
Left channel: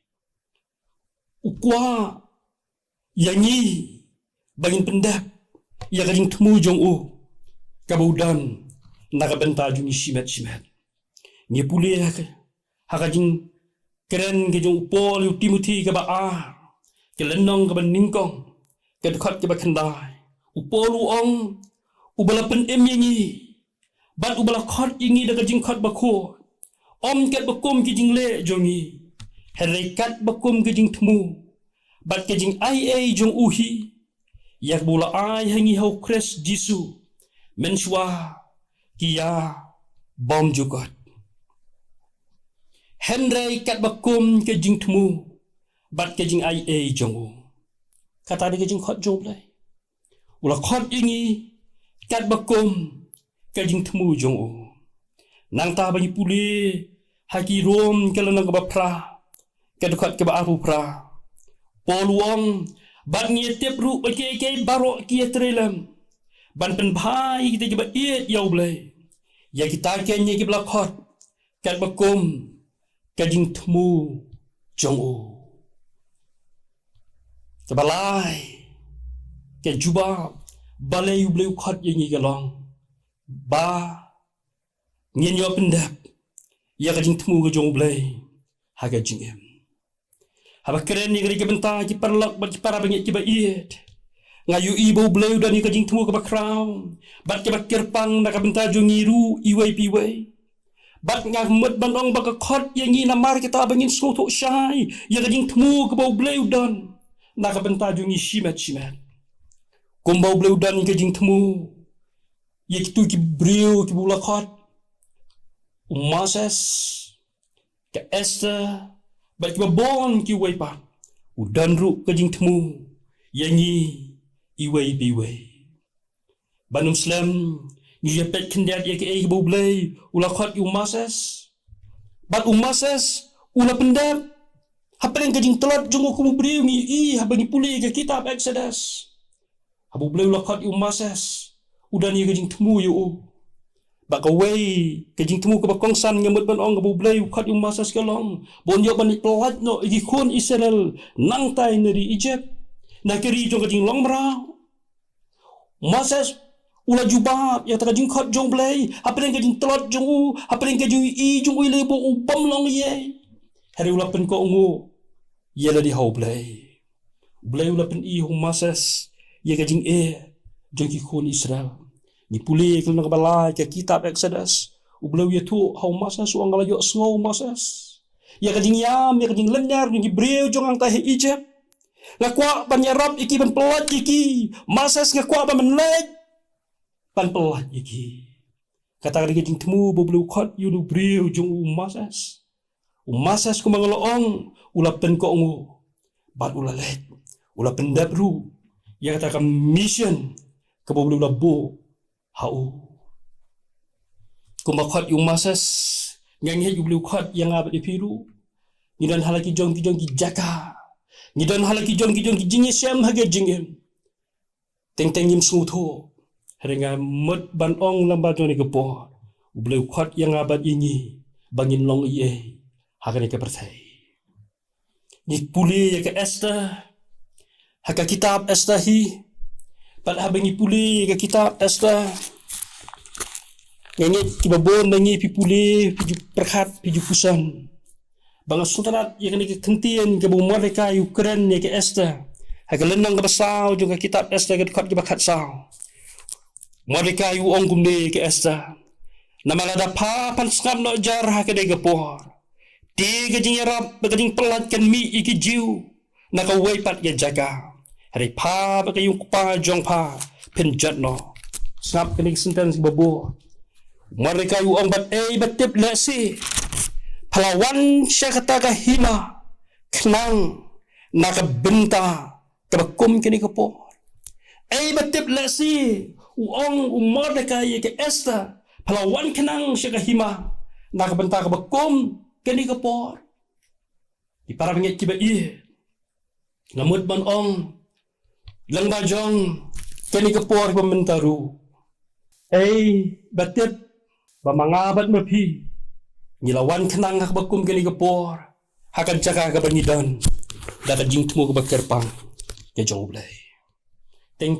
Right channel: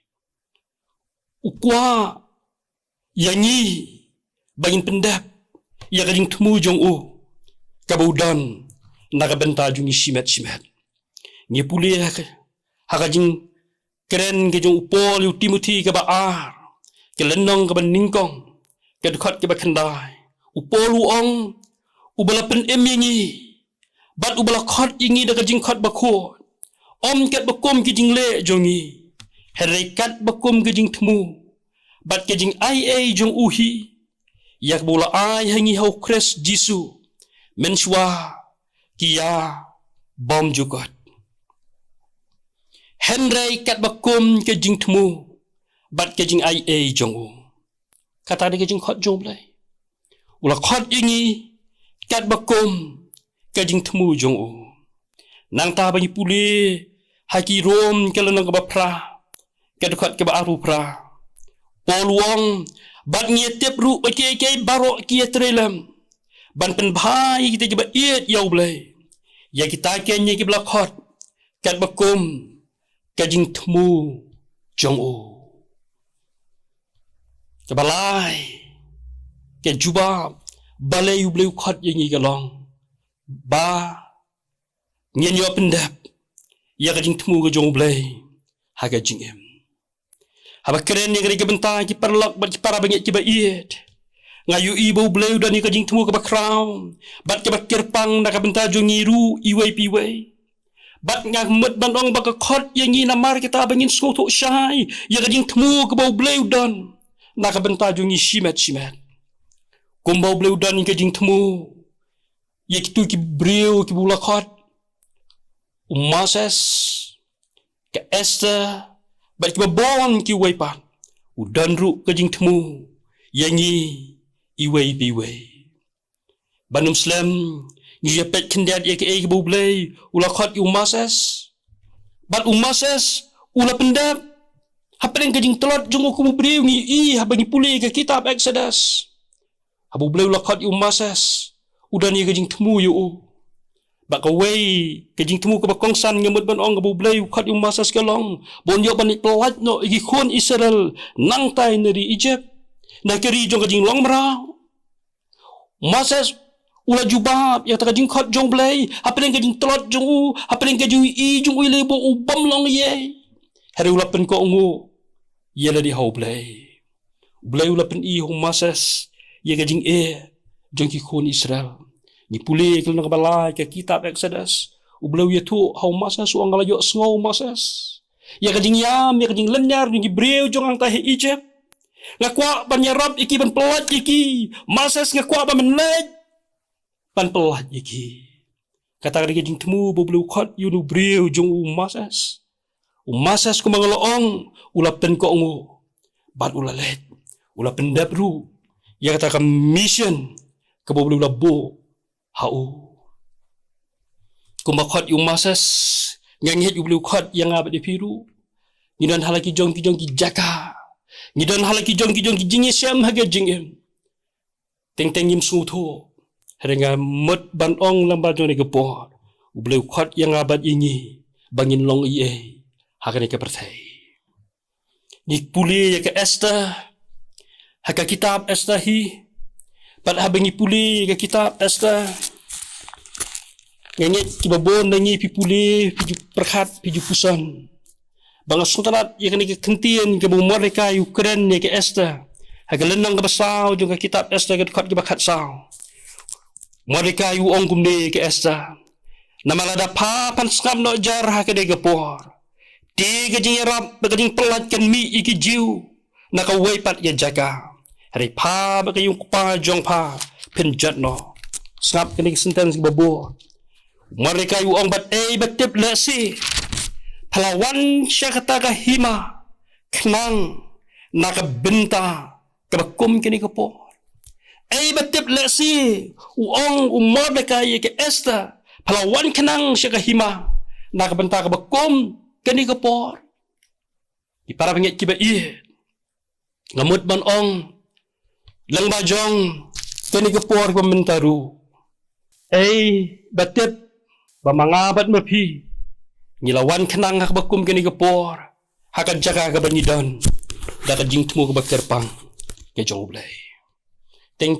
ukwa yengi bangin pendap ya ka jing temu jong Kabudan nakabenta jungi simet-simet. Ngi puli haka jing keren ke jong upol yu Timothy ke baar. Ke lenong ke beningkong. Ke dekat ke bakendai. Upol uong. Ubala pen yengi. Bat ubala kot yengi da ke jing kot bakut. Om ket bakum ke jing le jongi. Herekat bakum ke jing temu. Bat ke jing ai jong uhi. Yak bula ai hangi hau kres Jisu. Menswa kia bom jugot. Henry kat bakum ke jing temu. Bat ke jing ai jongu. Kata dia ke jing khot jong blay. Ula khot ingi kat bakum ke jing temu jongu. Nang ta bani puli haki rom ke lenang ke bapra. Ke dekat ke baaru pra. Poluang bat ngetep ru ke barok kia trelam. Ban pen bhai kita coba iet yau blay. Ya kita kenya ke belakot. Kat bakum. Kajing temu. Jongu. Kebalai. Ke jubab. Balai yu blay ukot yang i galong. Ba. Nyen yu pendap. Ya kajing temu ke jongu blay. Ha kajing em. Haba keren yang ke bentar ki perlok bat ki para bangit ki ba iet. Ngayu ibu bleu dan ni kajing temu ke bakraw. Bat ke bakirpang nak benta jungiru iway piway. Bat ngamet bandong baka kot yang ni namar kita bangin skotok syai. Ya kajing temu ke bau bleu dan nak benta jungi simet-simet. Kumbau bleu dan ni kajing temu. Ya kitu ki breu ki bula kot. Umases ke Esther bat ki babon ki waypat. Udan ru kajing temu. Yang ni iway biway. Banum Islam ni jepet kendiat ye ke bublay ula khot umases. Bat umases ula pendap. Hapeng kajing telot jung ku bubriu ngi habani puli ke kitab Exodus. Habu blay ula khot umases. Udan ye kajing temu yu. Bakaway kajing temu ke bakongsan ngamut ban ong bublay khot umases kelong. Bon yo bani pelat no igi khon Israel nang tai neri Egypt. Nak keri jong kajing long merau. Moses ula jubab yang taka jing khot jong blai apa yang ka jing telot jong u apa yang ka jing i jong u le bo u bam long ye hari ula pen ko ngo ye la di hau blai ula pen i hu Moses ye ka jing jong ki khon Israel ni pule ke na bala ke kitab Exodus u blai ye tu hau Moses u angala yo sngo Moses ye ka jing yam ye ka jing lenyar jing Hebreu jong ang ta he Egypt ngakwa ban yarab iki ban pelat iki Moses ngakwa ban menlej ban pelat iki kata ka jing temu bo blai khot yu nu Hebreu jong u Moses ku mangaloong ula pen ko ngo bat ula let ula pendap ru ya kata ka mission ke bo ula bo hau ku makhot yu Moses yang yu ula khot yang abad di piru ni dan halaki jong ki jaka ni dan halaki jong ki jingi syam haga jingem teng yim su tho harenga mot ban ong lamba jone ke por ula khot yang abad ini bangin long ye hakane ke pertai ni puli ya ke Esther haka kitab Esther hi pat habengi puli ke kitab Esther ngenge kibabon nangi pipuli piju perhat piju pusan bang sultanat ya ke kentien ke bu mereka Ukraine ya ke Esther haka lenang ke basau juga kitab Esther ke dekat ke bakat sau mereka yu ong kumde ke Esther nama lada papan skam no jar haka de gepor tiga jing rap baging pelatkan mi iki jiu naka weipat ya jaga hari pa bagayung pa jong pa penjat no skap kini sentence babo mereka yu ong bat batip lesi pelawan syakata ka hima kenang naka benta kebakum kini kepo batip lesi uong mereka ye ke Esther pelawan kenang syakata hima naka benta kebakum kini kepor di para pengit kiba ngamut ban ong lang bajong kini kepor pementaru batip bamangabat mapi ngilawan kenang hak bakum kini kepor hakan jaga ka banidan dapat jing temu ke bakerpang ke jong blai teng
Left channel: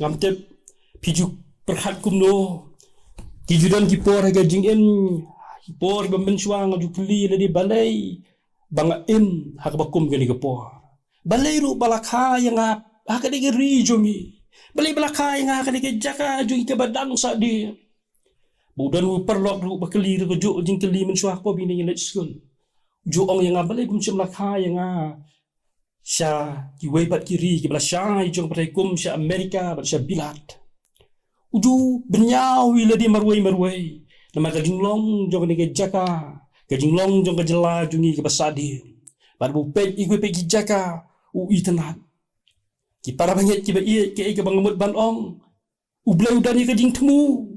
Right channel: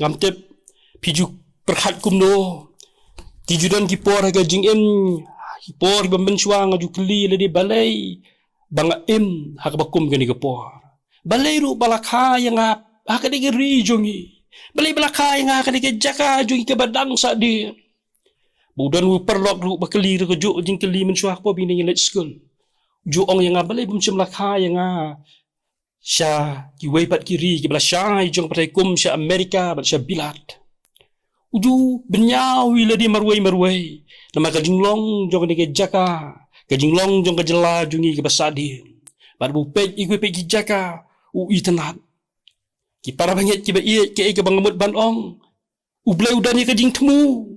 ngamtip piju perhat kumno tijudan kipor haga jing por bambensuang aju keli le di balai banga hak bakum gani kepor balai ru balakha yang hak de geri jongi balai balakha yang hak de jaka jongi ke badang sa di budan ru perlok ru bakeli ru ju jing keli mensuak po bini let school ju ong yang balai bum lakha yang sya ki weipat kiri ki bala syai jong patai kum sya Amerika bal sya bilat uju benyawi le di marwai nama kajinglong jong ke jaka kajinglong jong ke jela jungi ke basadi bar bu pej iku pej jaka u itenat ki para banget ki ba ie ke bangamut ban ong u blai udani kajing temu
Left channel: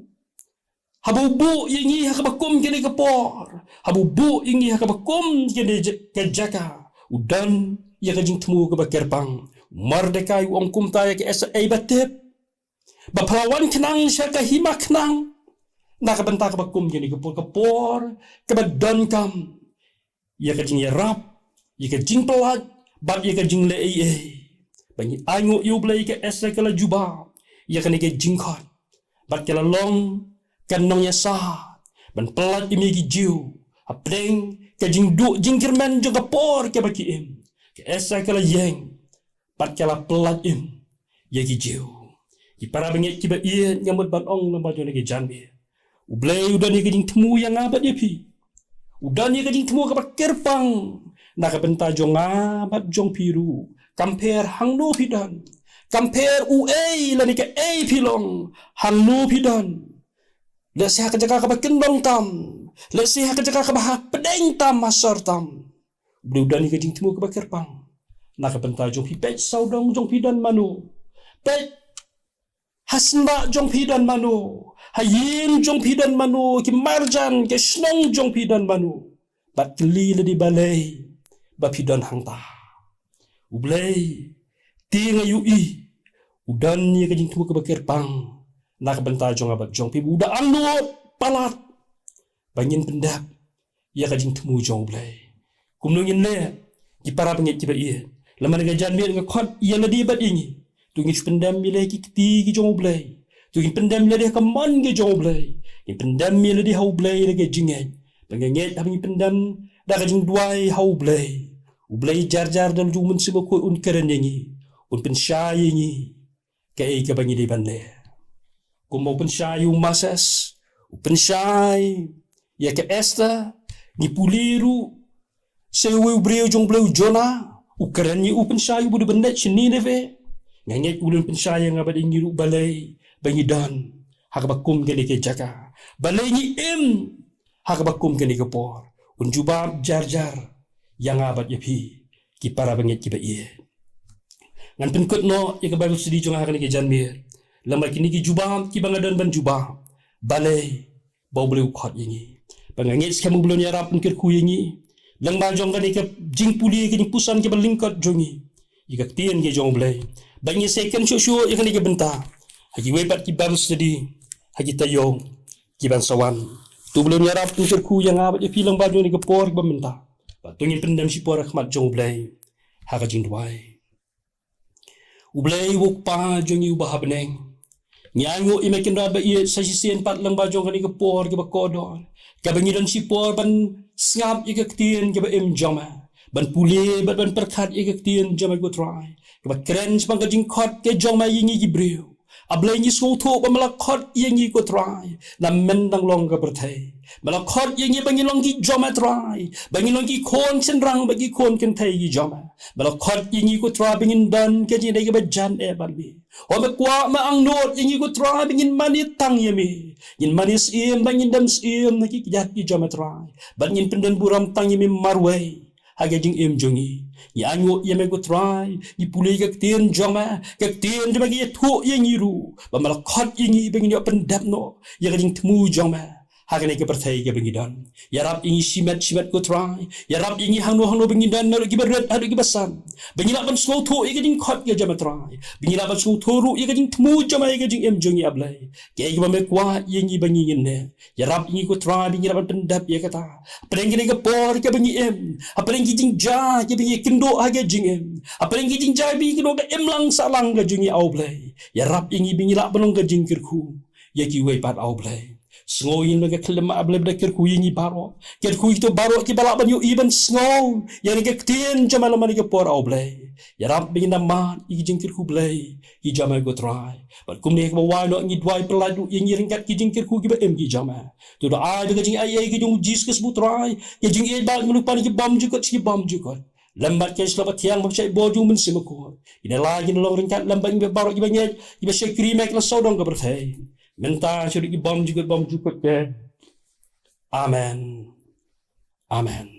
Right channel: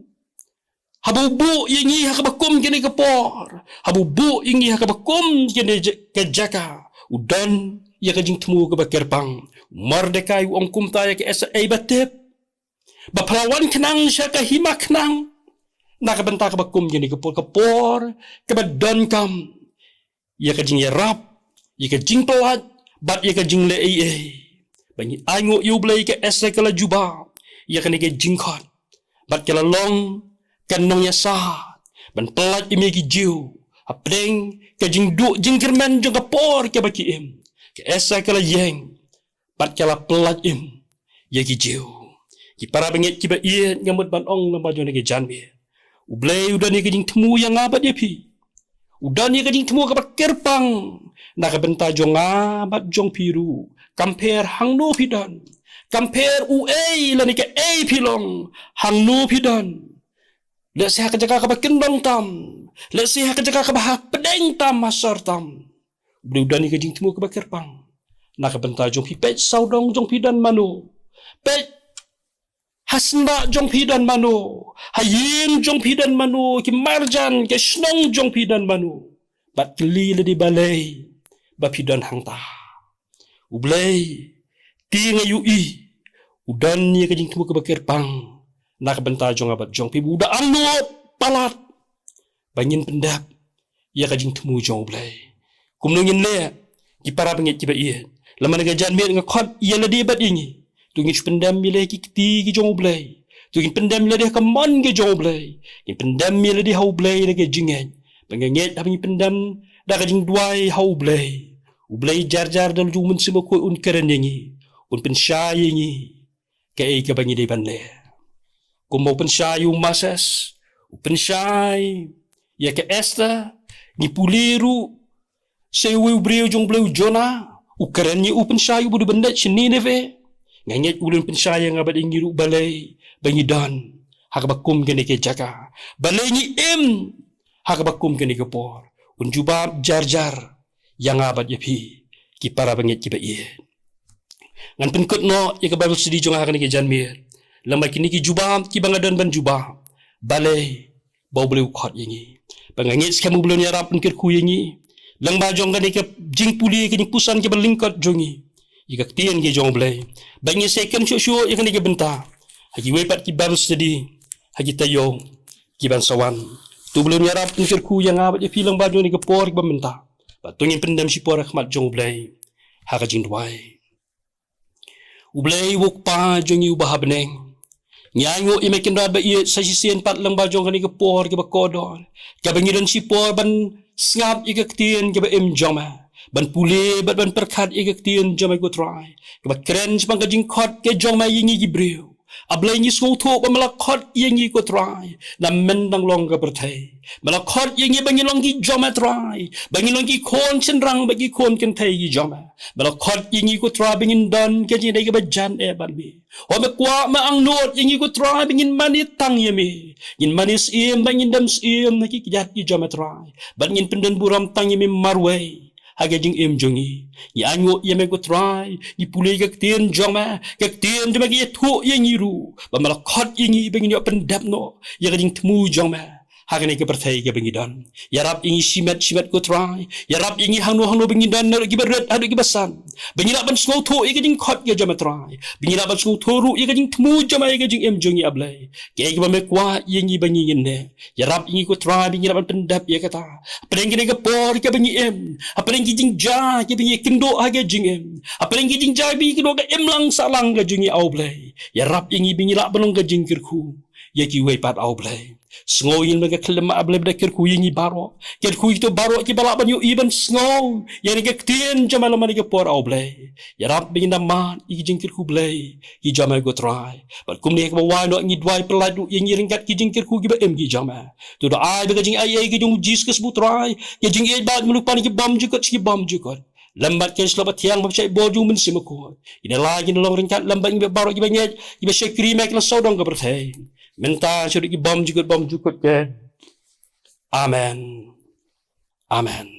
habu bu yengi hakabakum kene ke por habu bu yengi hakabakum kene ke jaka udan ya kajing temu ke bakerpang merdeka u ong kumta ya ke sa batep bapalawan kenang syaka himak kenang naka benta ka bakum gini kepor ke badon kam ya ka jing yarap ya ka jing pelat bat ya ka jing le banyi aingo yu blai ke esa kala juba ya ka ne ke jing khot bat kala long kan nong ya sa ban pelat imi ki jiu apreng ka jing du jing kirman jo ka por ke baki ke esa kala yeng bat kala pelat ya ki jiu ki para bengit ki ba ngamut ban ong namba jo ne ke janbe ublai udan ni kejing temu yang abad dia pi udan ni kejing temu ke kerpang nak benta jong abad jong piru compare hang no pidan compare la ni ke pilong hang no pidan le se hak jaga ke kendong tam le se hak jaga ke bahak pedeng tam masar tam udan ni kejing temu ke kerpang nak benta jong pipet saudong jong pidan manu pet hasna jong pidan manu hayin jong pidan manu ki marjan ke snong jong pidan manu bat keli le di balai ba pidan hangta ublai tinga yui udan ni ke jing tu ke bakir pang nak benta jong abat jong pi buda anut palat bangin pendap ya ke jing temu jong ublai kumnungin le ki para pengit ki ba laman ga jan mir ngakot ya le di bat ini Tungin pendam milih ki keti ki jong blai. Tungin pendam milih ka man ke jong blai. Ki pendam milih di hau blai ke jinget. Pengenget habis pendam dah ka jing duai hau blai. Ublai jar-jar dal ju mun sima ko un keren yangi. Un pensai yangi. Kai ka bangi di bande. Ko mau pensai masas. Pensai ya ke esta ni puliru sewe ubreu jong bleu jona ukeren ni pensai bu de bende sini neve nganget ulun pensai nga bad ngiru balai bangi dan hak bakum gene ke jaka balai ni hak bakum gene ke por un jubab jar-jar yang abad yapi ki para banget ki ba ye ngan penkut no ya ke bible study jong hak ni ke janmir lamai kini ki jubab ki bangadan ban jubab balai bau boleh ukhat yangi pangangit kamu belum nyarap penkir ku yangi lang ba jong kani ke jing puli ke pusan ke berlingkot jongi ika tien ke jong blai bangi second show ya kani ke benta hagi webat ki baru study hagi tayo ki ban sawan tu belum nyarap penkir ku yang abat ya filang ba jong ni ke por ke benta patungi pendam si por khmat jong blai ha ka jing duai ublai wuk pa jongi ubah beneng nyanyo imekin raba iya sa sisian pat lang bajong kani ke por ke bakodon ke bangiran si por ban ngap ika ktien ke ba jama ban pule ban perkat ika ktien jama go try ke ba kren spang ka jingkot ke jama yingi gibreu ablai ni sotho ba malakot yingi go try na mendang long ka berthai malakot yingi bangi long ki jama try bangi long ki kon senrang bagi kon ken thai gi jama malakot yingi go try bangin don ke ji dai ke ba jan e ban bi o me kwa ma ang not yingi go try bangin mani tang yemi yin manis im bangin dam im ki kijat gi jama try bangin pendan buram tang yemi marwai haga jing im jongi ni anyo yeme go try ni pulei ka tien jama ka tien de bagi thu yingi ru ba malakot yingi bangin yo pendap no ya jing tmu jama haga ne ke perthai ke bangin don ya rap yingi simat go try ya rap yingi hangno bangin don ner gi berat adu gi basan bangin ban slow thu ya jing khot ya jama try bangin ban slow thu ru ya jing tmu jama ya jing im jongi ablai ke gi ba me kwa yingi bangin ne ya rap yingi go try bangin ban pendap ya kata peleng ke por ke bangin im apaleng ki jing ja ke bangin kindo haga jing im apaleng ki jing ja bi kindo ka im lang salang ga jingi au blai ya rap yingi bangin la banong ga jing kirku ya ki we pat au blai sngoyin baga kelema ablai bda kirku yingi baro kirku itu baro ki bala banyu iban sngow ya ni ke tien jama lamani ke por au blai ya rap bangin man i jing kirku blai ki jama go try but kum ne ka wa no ngi dwai peladu yingi ringkat ki jing kirku ki ba em ki jama tu do ai baga jing ai ki jung jis ke sbu try ya jing e ba melupan ki bam jukot ki bam jukot lambat ke selamat tiang mabsai boju men simako ina lagi no ringkat lambat ngi baro ki banyet ki ba sekri mek la sodong ka berthai menta syurik bom jukut ke amen amen